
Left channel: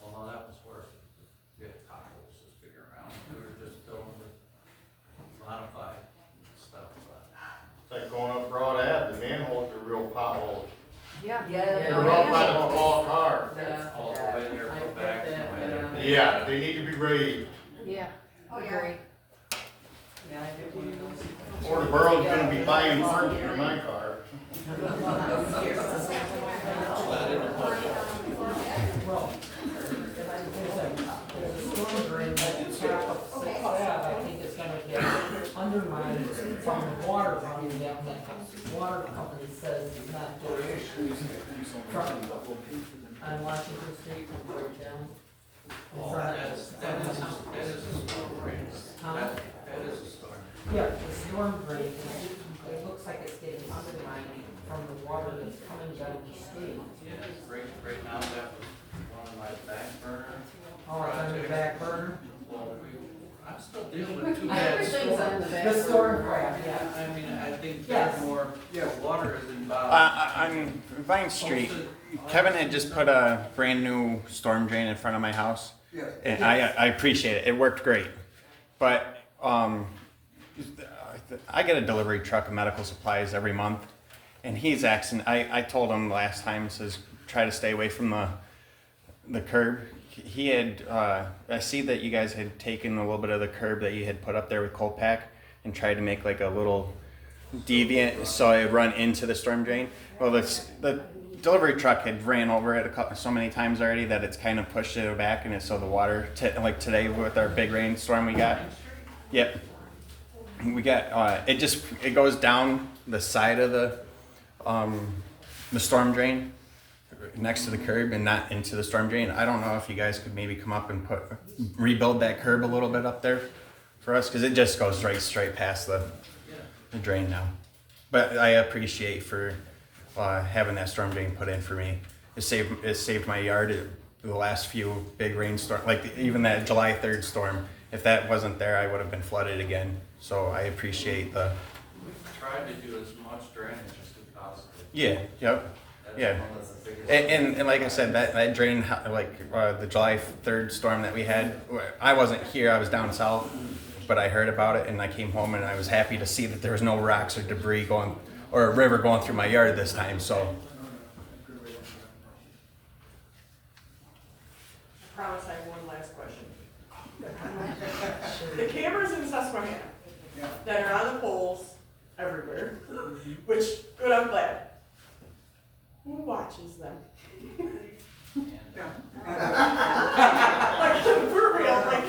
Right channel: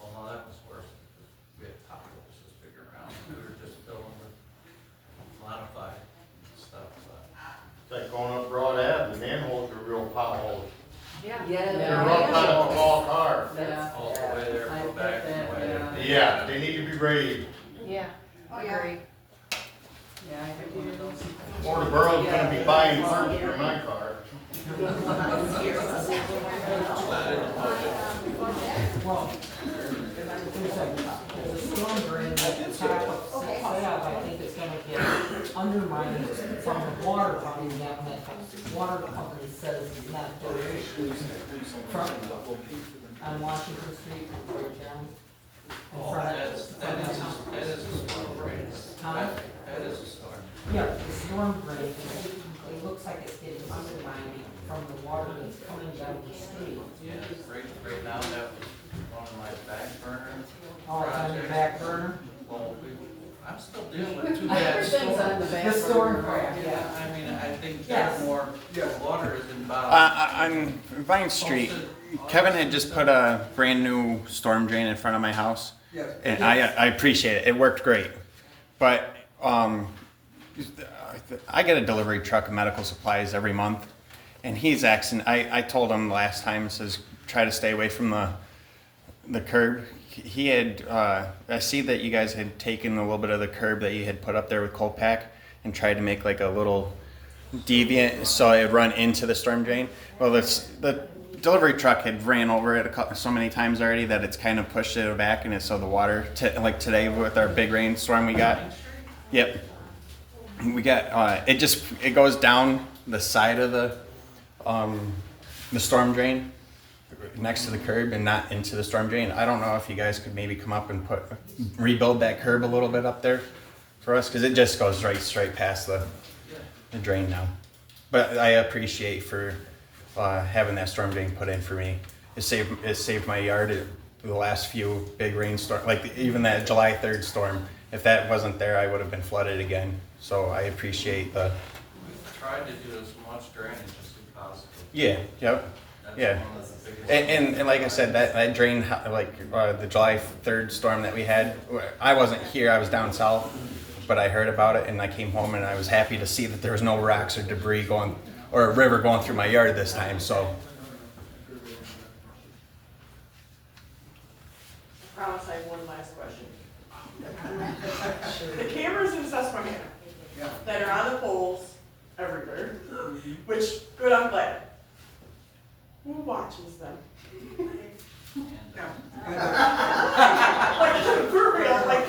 Well, no, that was worse, because we had potholes this big around, we were just filling with modified stuff, but. It's like going up Broad Ave, the manholes are real potholes. Yeah. They're rough out of a wall car. Yeah. All the way there, I go get back, that, and way there. Yeah, they need to be graded, Yeah. Oh, yeah. Agree. Yeah, I have one of those. or the borough's gonna be buying parts for my car. Well, the storm drain at the top of Susquehanna, I think it's gonna get undermined from the water running down. That water company says it's not doing front on Washington Street, right down. in front of- That is a storm drain. Huh? That is a storm. Yeah, the storm drain, it looks like it's getting undermined from the water that's coming down the street. Yeah, right now, that was one of my back burner Oh, it's on your projects. back burner? Well, I'm still dealing with two bad Everything's on the storms. back. The storm burner. drain, yeah. I mean, I think Yes. there's more, Yeah. water is involved. On Vine Street, Kevin had just put a brand new storm drain in front of my house. Yes. And I appreciate it. It worked great. But I get a delivery truck of medical supplies every month. And he's asking, I told him last time, says, try to stay away from the curb. He had, I see that you guys had taken a little bit of the curb that you had put up there with coal pack and tried to make like a little deviant so it run into the storm drain. Well, the delivery truck had ran over it so many times already that it's kind of pushed it back, and it's so the water, like today with our big rainstorm we got. Yep. We got, it goes down the side of the storm drain next to the curb and not into the storm drain. I don't know if you guys could maybe come up and rebuild that curb a little bit up there for us, because it just goes right straight past the drain now. But I appreciate for having that storm drain put in for me. It saved my yard the last few big rainstorms, like even that July 3rd storm. If that wasn't there, I would have been flooded again. So I appreciate the. We've tried to do as much drainage as we possibly. Yeah. Yep. That's Yeah. one of the biggest. And like I said, that drain, like the July 3rd storm that we had, I wasn't here, I was down south, but I heard about it and I came home and I was happy to see that there was no rocks or debris going, or a river going through my yard this time, so. I promise I have one last question. The cameras in Susquehanna Yeah. that are on the poles everywhere, which, good, I'm glad. Who watches them? Like, for real, like,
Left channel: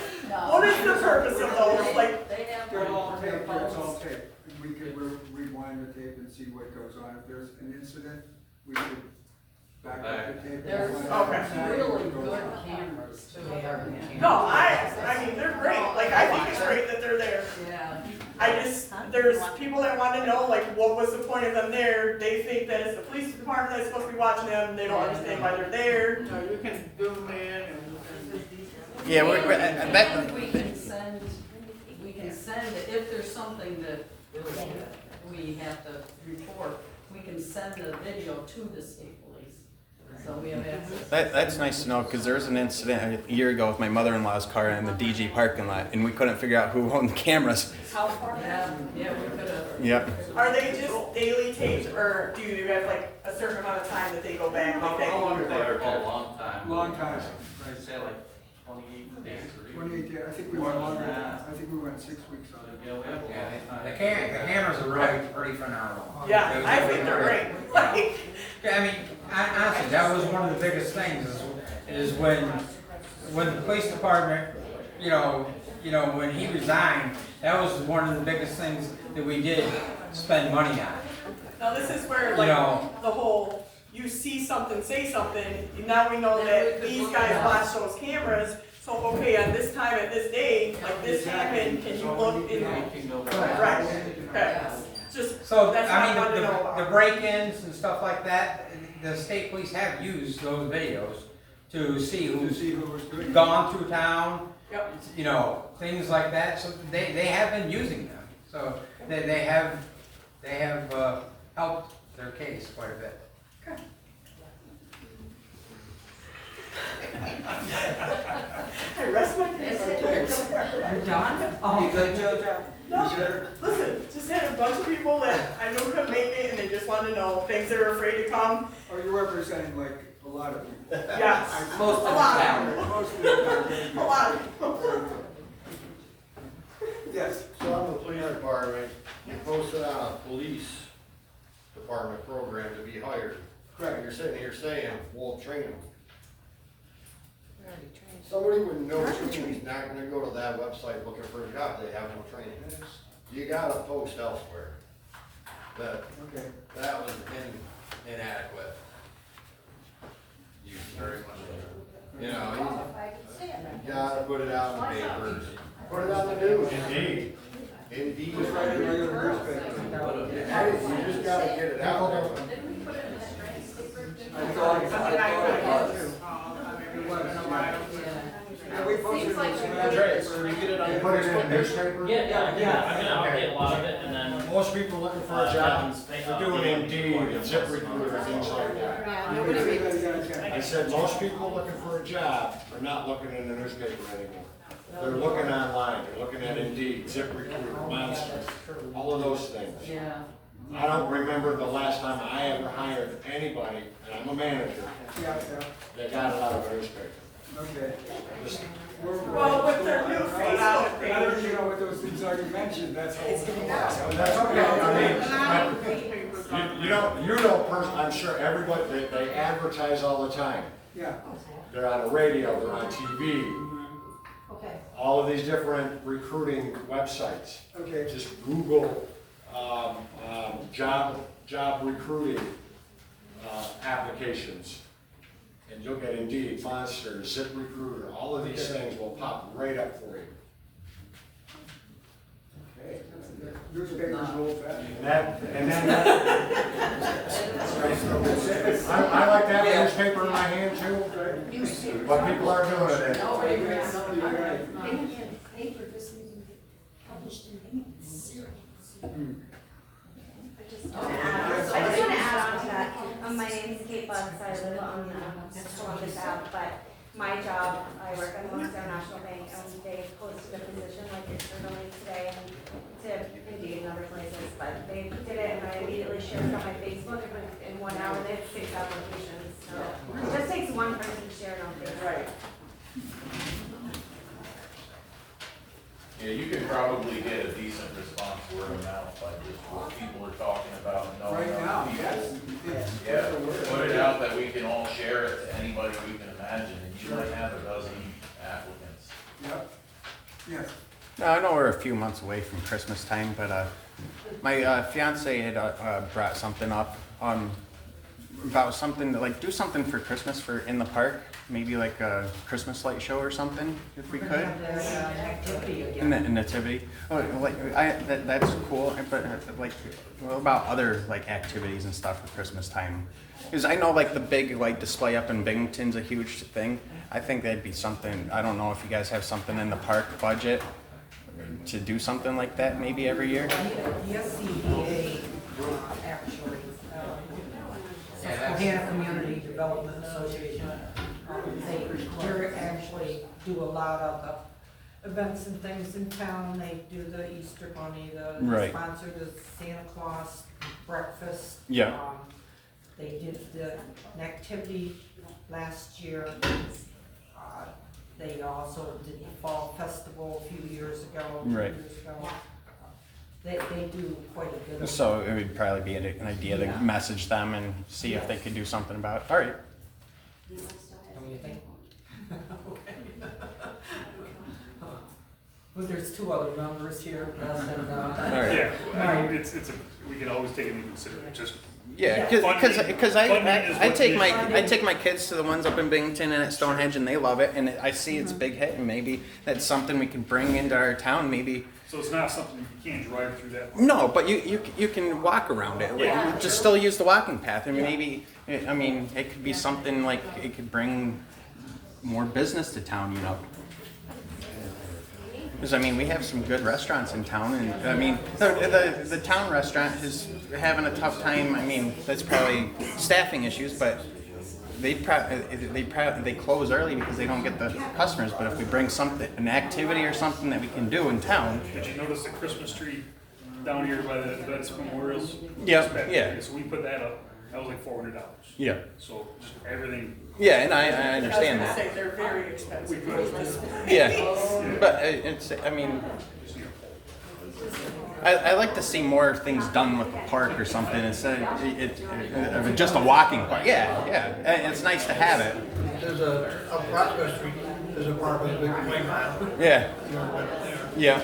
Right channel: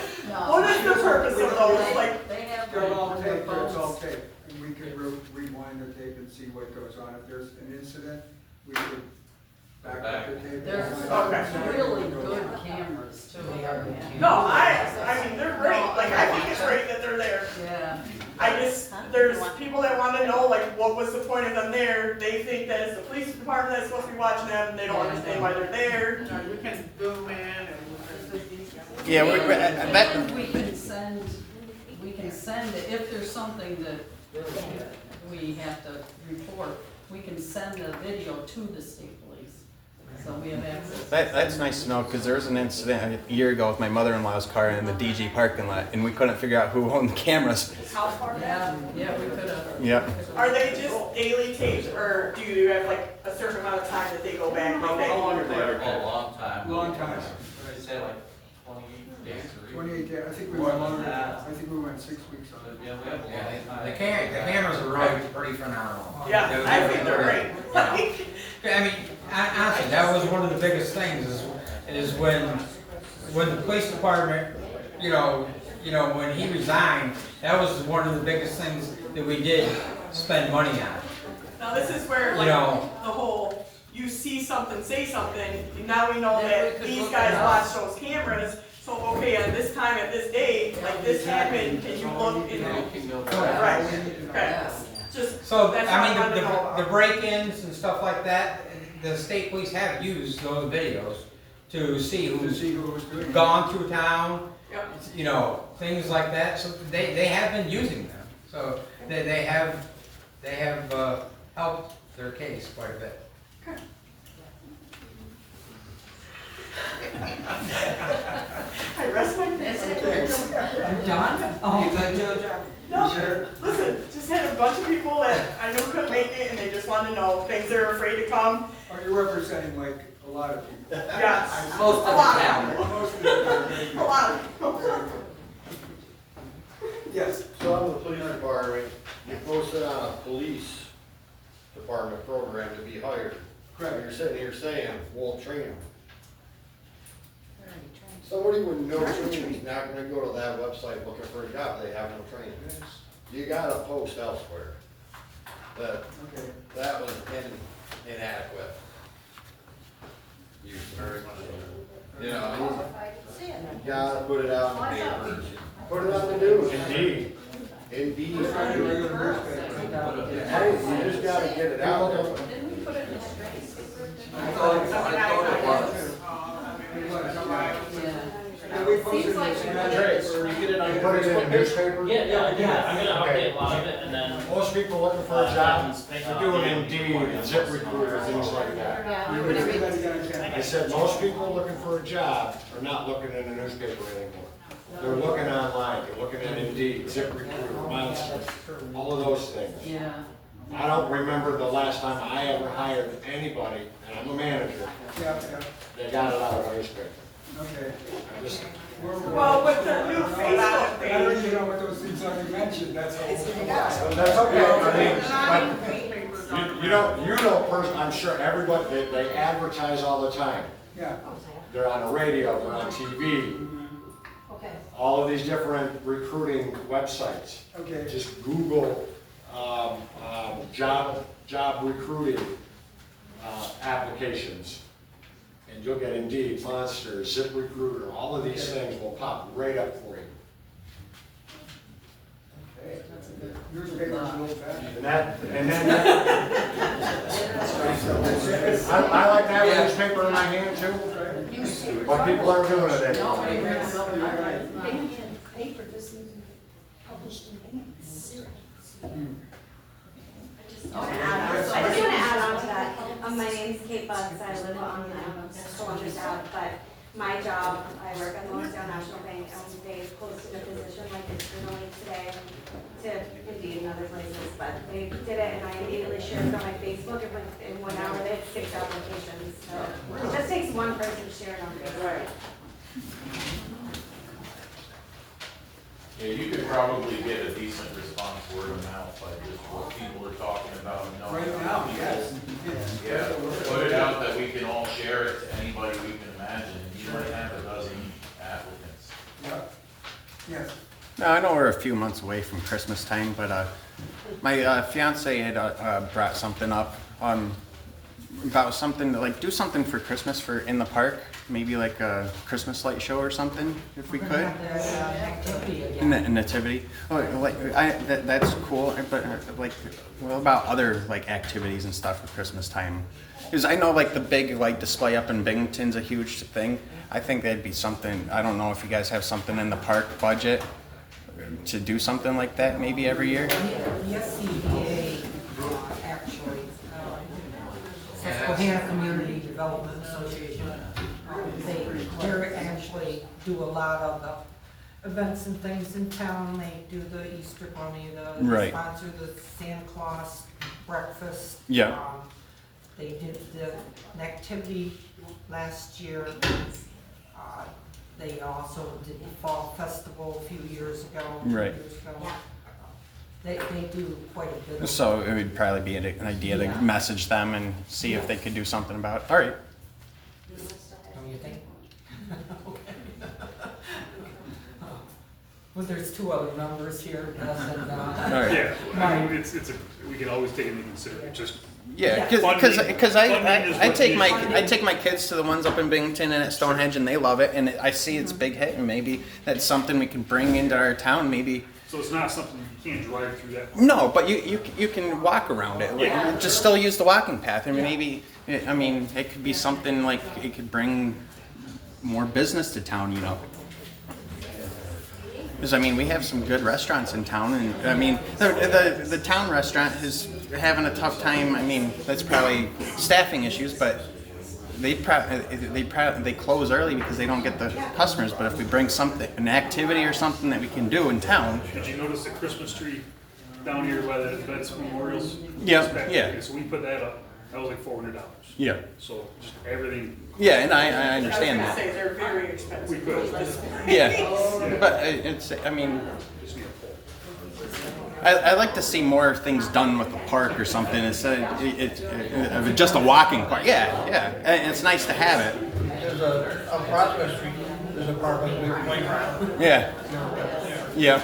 what is the purpose of those, like, They have They're all on their taped, it's all phones. taped. And we could rewind the tape and see what goes on. If there's an incident, we could back up the tape. There's Okay. really good cameras too. no, I mean, they're great, like, I think it's great that they're there. Yeah. There's people that wanna know, like, what was the point of them there? They think that it's the police department that's supposed to be watching them, they don't understand why they're there. You can zoom in and. Yeah, We can send it, if there's something that we have to report, we can send a video to the state police. So we have access. That's nice to know, because there was an incident a year ago with my mother-in-law's car in the DG parking lot, and we couldn't figure out who owned the cameras. How far back? Yeah, we could have. Yep. Are they just daily taped, or do you have like a certain amount of time that they go back? Like that? Oh, a long time. Long time. I'd say like 28 days or even. 28 days, I think we More went than longer, that. I think we went 6 weeks on it. Yeah, we have a long time. The cameras are really pretty phenomenal. Yeah, I think they're great. Like, I mean, honestly, that was one of the biggest things is when the police department, when he resigned, that was one of the biggest things that we did spend money on. now this is where like the whole, you see something, say something, now we know that these guys watch those cameras, so okay, on this time at this day, like this happened, and you look and. We can go Right, back. okay, just, So, that's I what I mean, wanted to know about. the break-ins and stuff like that, the state police have used those videos to see To who's see who was doing it. gone through town, Yep. you know, things like that, so they have been using them. So they have helped their case quite a bit. I rest my case. I'm done? Oh, You good, Joe? No, Sure. listen, just had a bunch of people that I knew couldn't make it and they just wanted to know, things they're afraid to come. Are you representing like a lot of people? Yes. Most of the A lot town. Most of the A lot of people. Yes. So on the police department, you posted on a police department program to be hired. And Correct. you're sitting here saying, won't train them. Somebody with no training is not gonna go to that website looking for a job, they have no training. You gotta post elsewhere. Okay. That was inadequate. Use very much. You know, you gotta put it out in the papers, put it on the news. Indeed. Indeed. It's not a regular newspaper. You just gotta get it out there. I thought it was. Yeah, we posted it in the newspaper. You put it in the newspaper? Yeah, I'm gonna Okay. update a lot of it and then. Most people looking for a job, they're doing Indeed, and ZipRecruiter, things like that. Everybody got a chance. I said, most people looking for a job are not looking in the newspaper anymore. They're looking online, they're looking at Indeed, ZipRecruiter, Monster, all of those things. Yeah. I don't remember the last time I ever hired anybody, and I'm a manager, Yeah, that got it out of a newspaper. yeah, okay. Just- Well, with their new Facebook I don't page. even know what those things are you mentioned, that's all. That's okay, I mean, you know, I'm sure everybody, they advertise all the time. Yeah. They're on the radio, they're on TV, all of these different recruiting websites. Okay. Just Google, job recruiting, applications. And you'll get Indeed, Monster, ZipRecruiter, all of these things will pop right up for you. Okay. Newspapers old fashioned. And then I like to have a newspaper in my hand too, what people are doing at it. Paper doesn't even get published in minutes. I just want to add on to that. My name's Kate Butts. I live on Columbus Ave, but my job, I work at the Lawrencetown National Bank, and they posted a position like externally today to Indeed number 26, but they did it, and I immediately shared it on my Facebook, and in 1 hour they had 6 applications. So it just takes one person to share it on Facebook. Right. Yeah, you could probably get a decent response word of mouth by just what people are talking about and knowing Right other now, yes. people. Yeah, put it out that we can all share it to anybody we can imagine, and you might have a dozen applicants. Yep. Yes. Now, I know we're a few months away from Christmas time, but my fiance had brought something up about something like do something for Christmas for in the park, maybe like a Christmas light show or something, if we could. Nativity. Oh, like that's cool, but like, what about other like activities and stuff for Christmas time? Because I know like the big like display up in Binghamton's a huge thing. I think that'd be something. I don't know if you guys have something in the park budget to do something like that maybe every year. Yes, CDA, actually, Susquehanna Community Development Association. They actually do a lot of the events and things in town. They do the Easter Bunny, Right. sponsor the Santa Claus breakfast. Yeah. They did the activity last year. They also did the Fall Festival a few years ago. Right. They do quite a bit of. So it would probably be an idea to message them and see if they could do something about it. All right. Don't you think? Well, there's 2 other members here, Gus and, All right. Yeah, I mean, we can always take it into consideration, just. Yeah, because I take my kids to the ones up in Binghamton and at Stonehenge, and they love it, and I see it's a big hit, and maybe that's something we can bring into our town, maybe. So it's not something you can't drive through that. No, but you can walk around it. Yeah. Just still use the walking path, and maybe it could be something like it could bring more business to town, you know. Because I mean, we have some good restaurants in town, and I mean, the town restaurant is having a tough time. I mean, that's probably staffing issues, but they close early because they don't get the customers. But if we bring something, an activity or something that we can do in town. Did you notice the Christmas tree down here by the Vets Memorials? Yeah, yeah. So we put that up. That was like $400. Yeah. So just everything. Yeah, and I understand that. I was gonna say, they're very expensive. We could. Yeah, but it's, I mean, I like to see more things done with the park or something instead of just a walking park. Yeah, yeah, and it's nice to have it. There's across the street, there's a park with a playground. Yeah, yeah.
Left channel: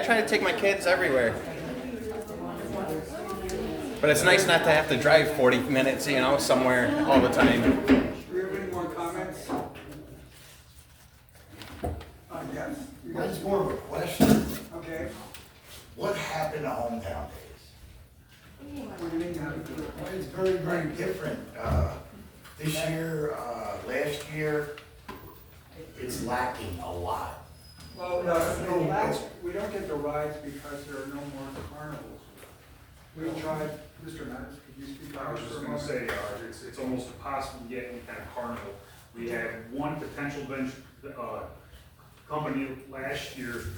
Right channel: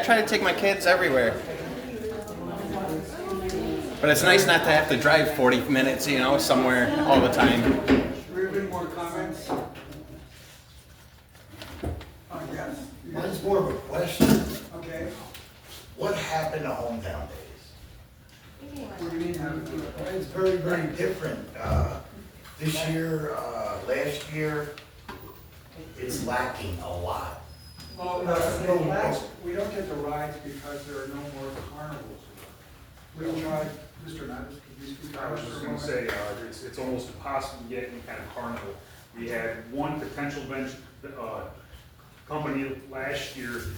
I try to take my kids everywhere. But it's nice not to have to drive 40 minutes, you know, somewhere all the time. Do we have any more comments? Yes. Mine's more of a question. Okay. What happened to hometown days? What do you mean, how to do it? It's very, very different. This year, last year, it's lacking a lot. Well, we don't get the rides because there are no more carnivals. We tried, Mr. Knight, could you speak? I was just gonna say, it's almost impossible to get any kind of carnival. We had one potential company last year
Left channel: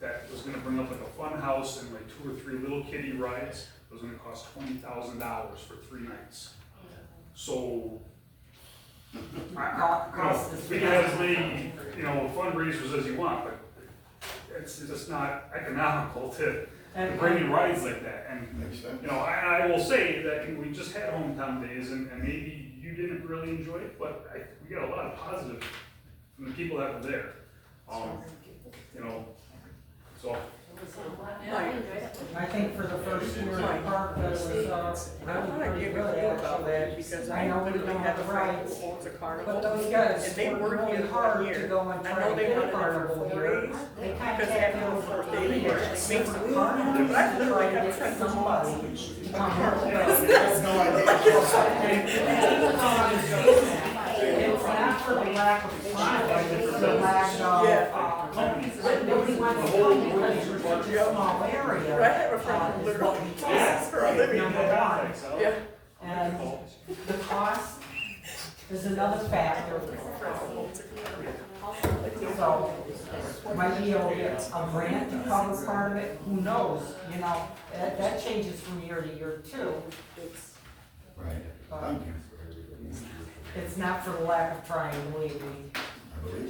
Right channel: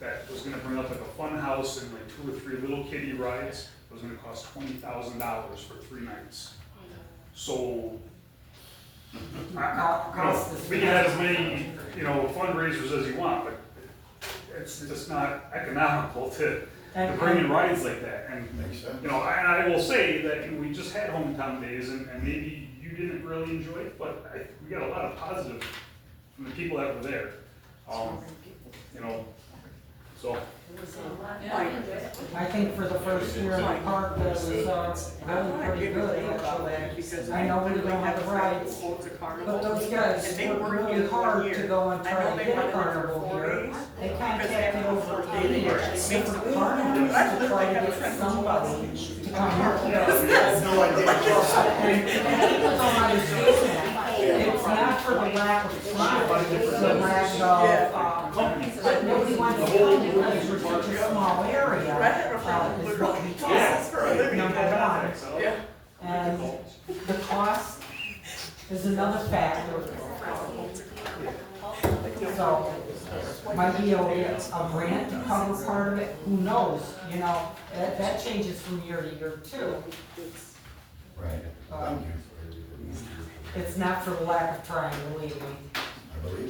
that was gonna bring up like a fun house and like 2 or 3 little kiddie rides. It was gonna cost $20,000 for 3 nights. So, we can have as many, you know, fundraisers as you want, but it's just not economical to bring in rides like that. And, you know, I will say that we just had hometown days, and maybe you didn't really enjoy it, but we got a lot of positive from the people that were there. You know, so. I think for the first year in the park, that was really pretty good, actually. I know we don't have the rights, but those guys worked really hard to go and try to get a carnival here. They contacted over 80 different carnivals to try to get somebody to come here. It's not for the lack of trying, it's the lack of, but nobody wants to come because it's such a small area. I have a friend who literally tosses for a living. Number one. Yeah. And the cost is another factor. So, might be able to get a grant to cover part of it, who knows, you know, that changes from year to year too. Right. It's not for the lack of trying, believe me.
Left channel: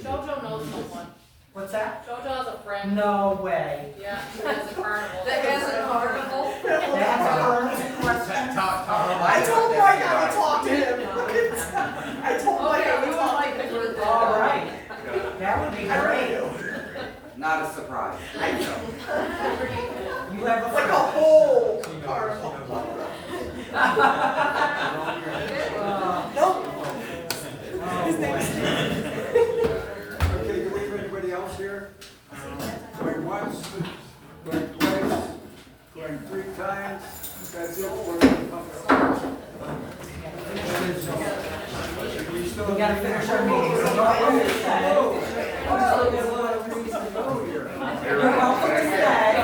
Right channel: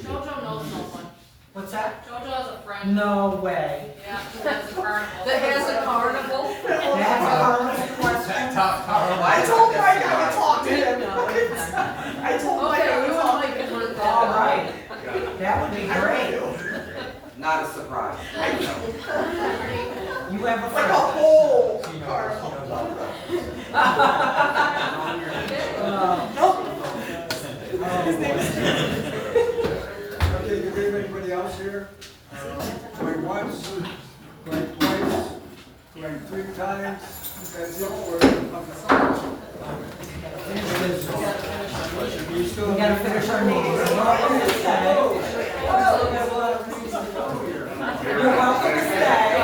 Jojo knows someone. What's that? Jojo has a friend. No way. Yeah, she has a carnival. That has a carnival? That's a carnival question. I told Mike I would talk to him. I told Mike I would talk to him. All right. That would be great. Not a surprise. You have a Like a friend. whole carnival. Nope. His name is Steve. Okay, do we have anybody else here? Going once, going twice, going 3 times, that's it for We gotta finish our meeting. So don't let me say. You're welcome to stay.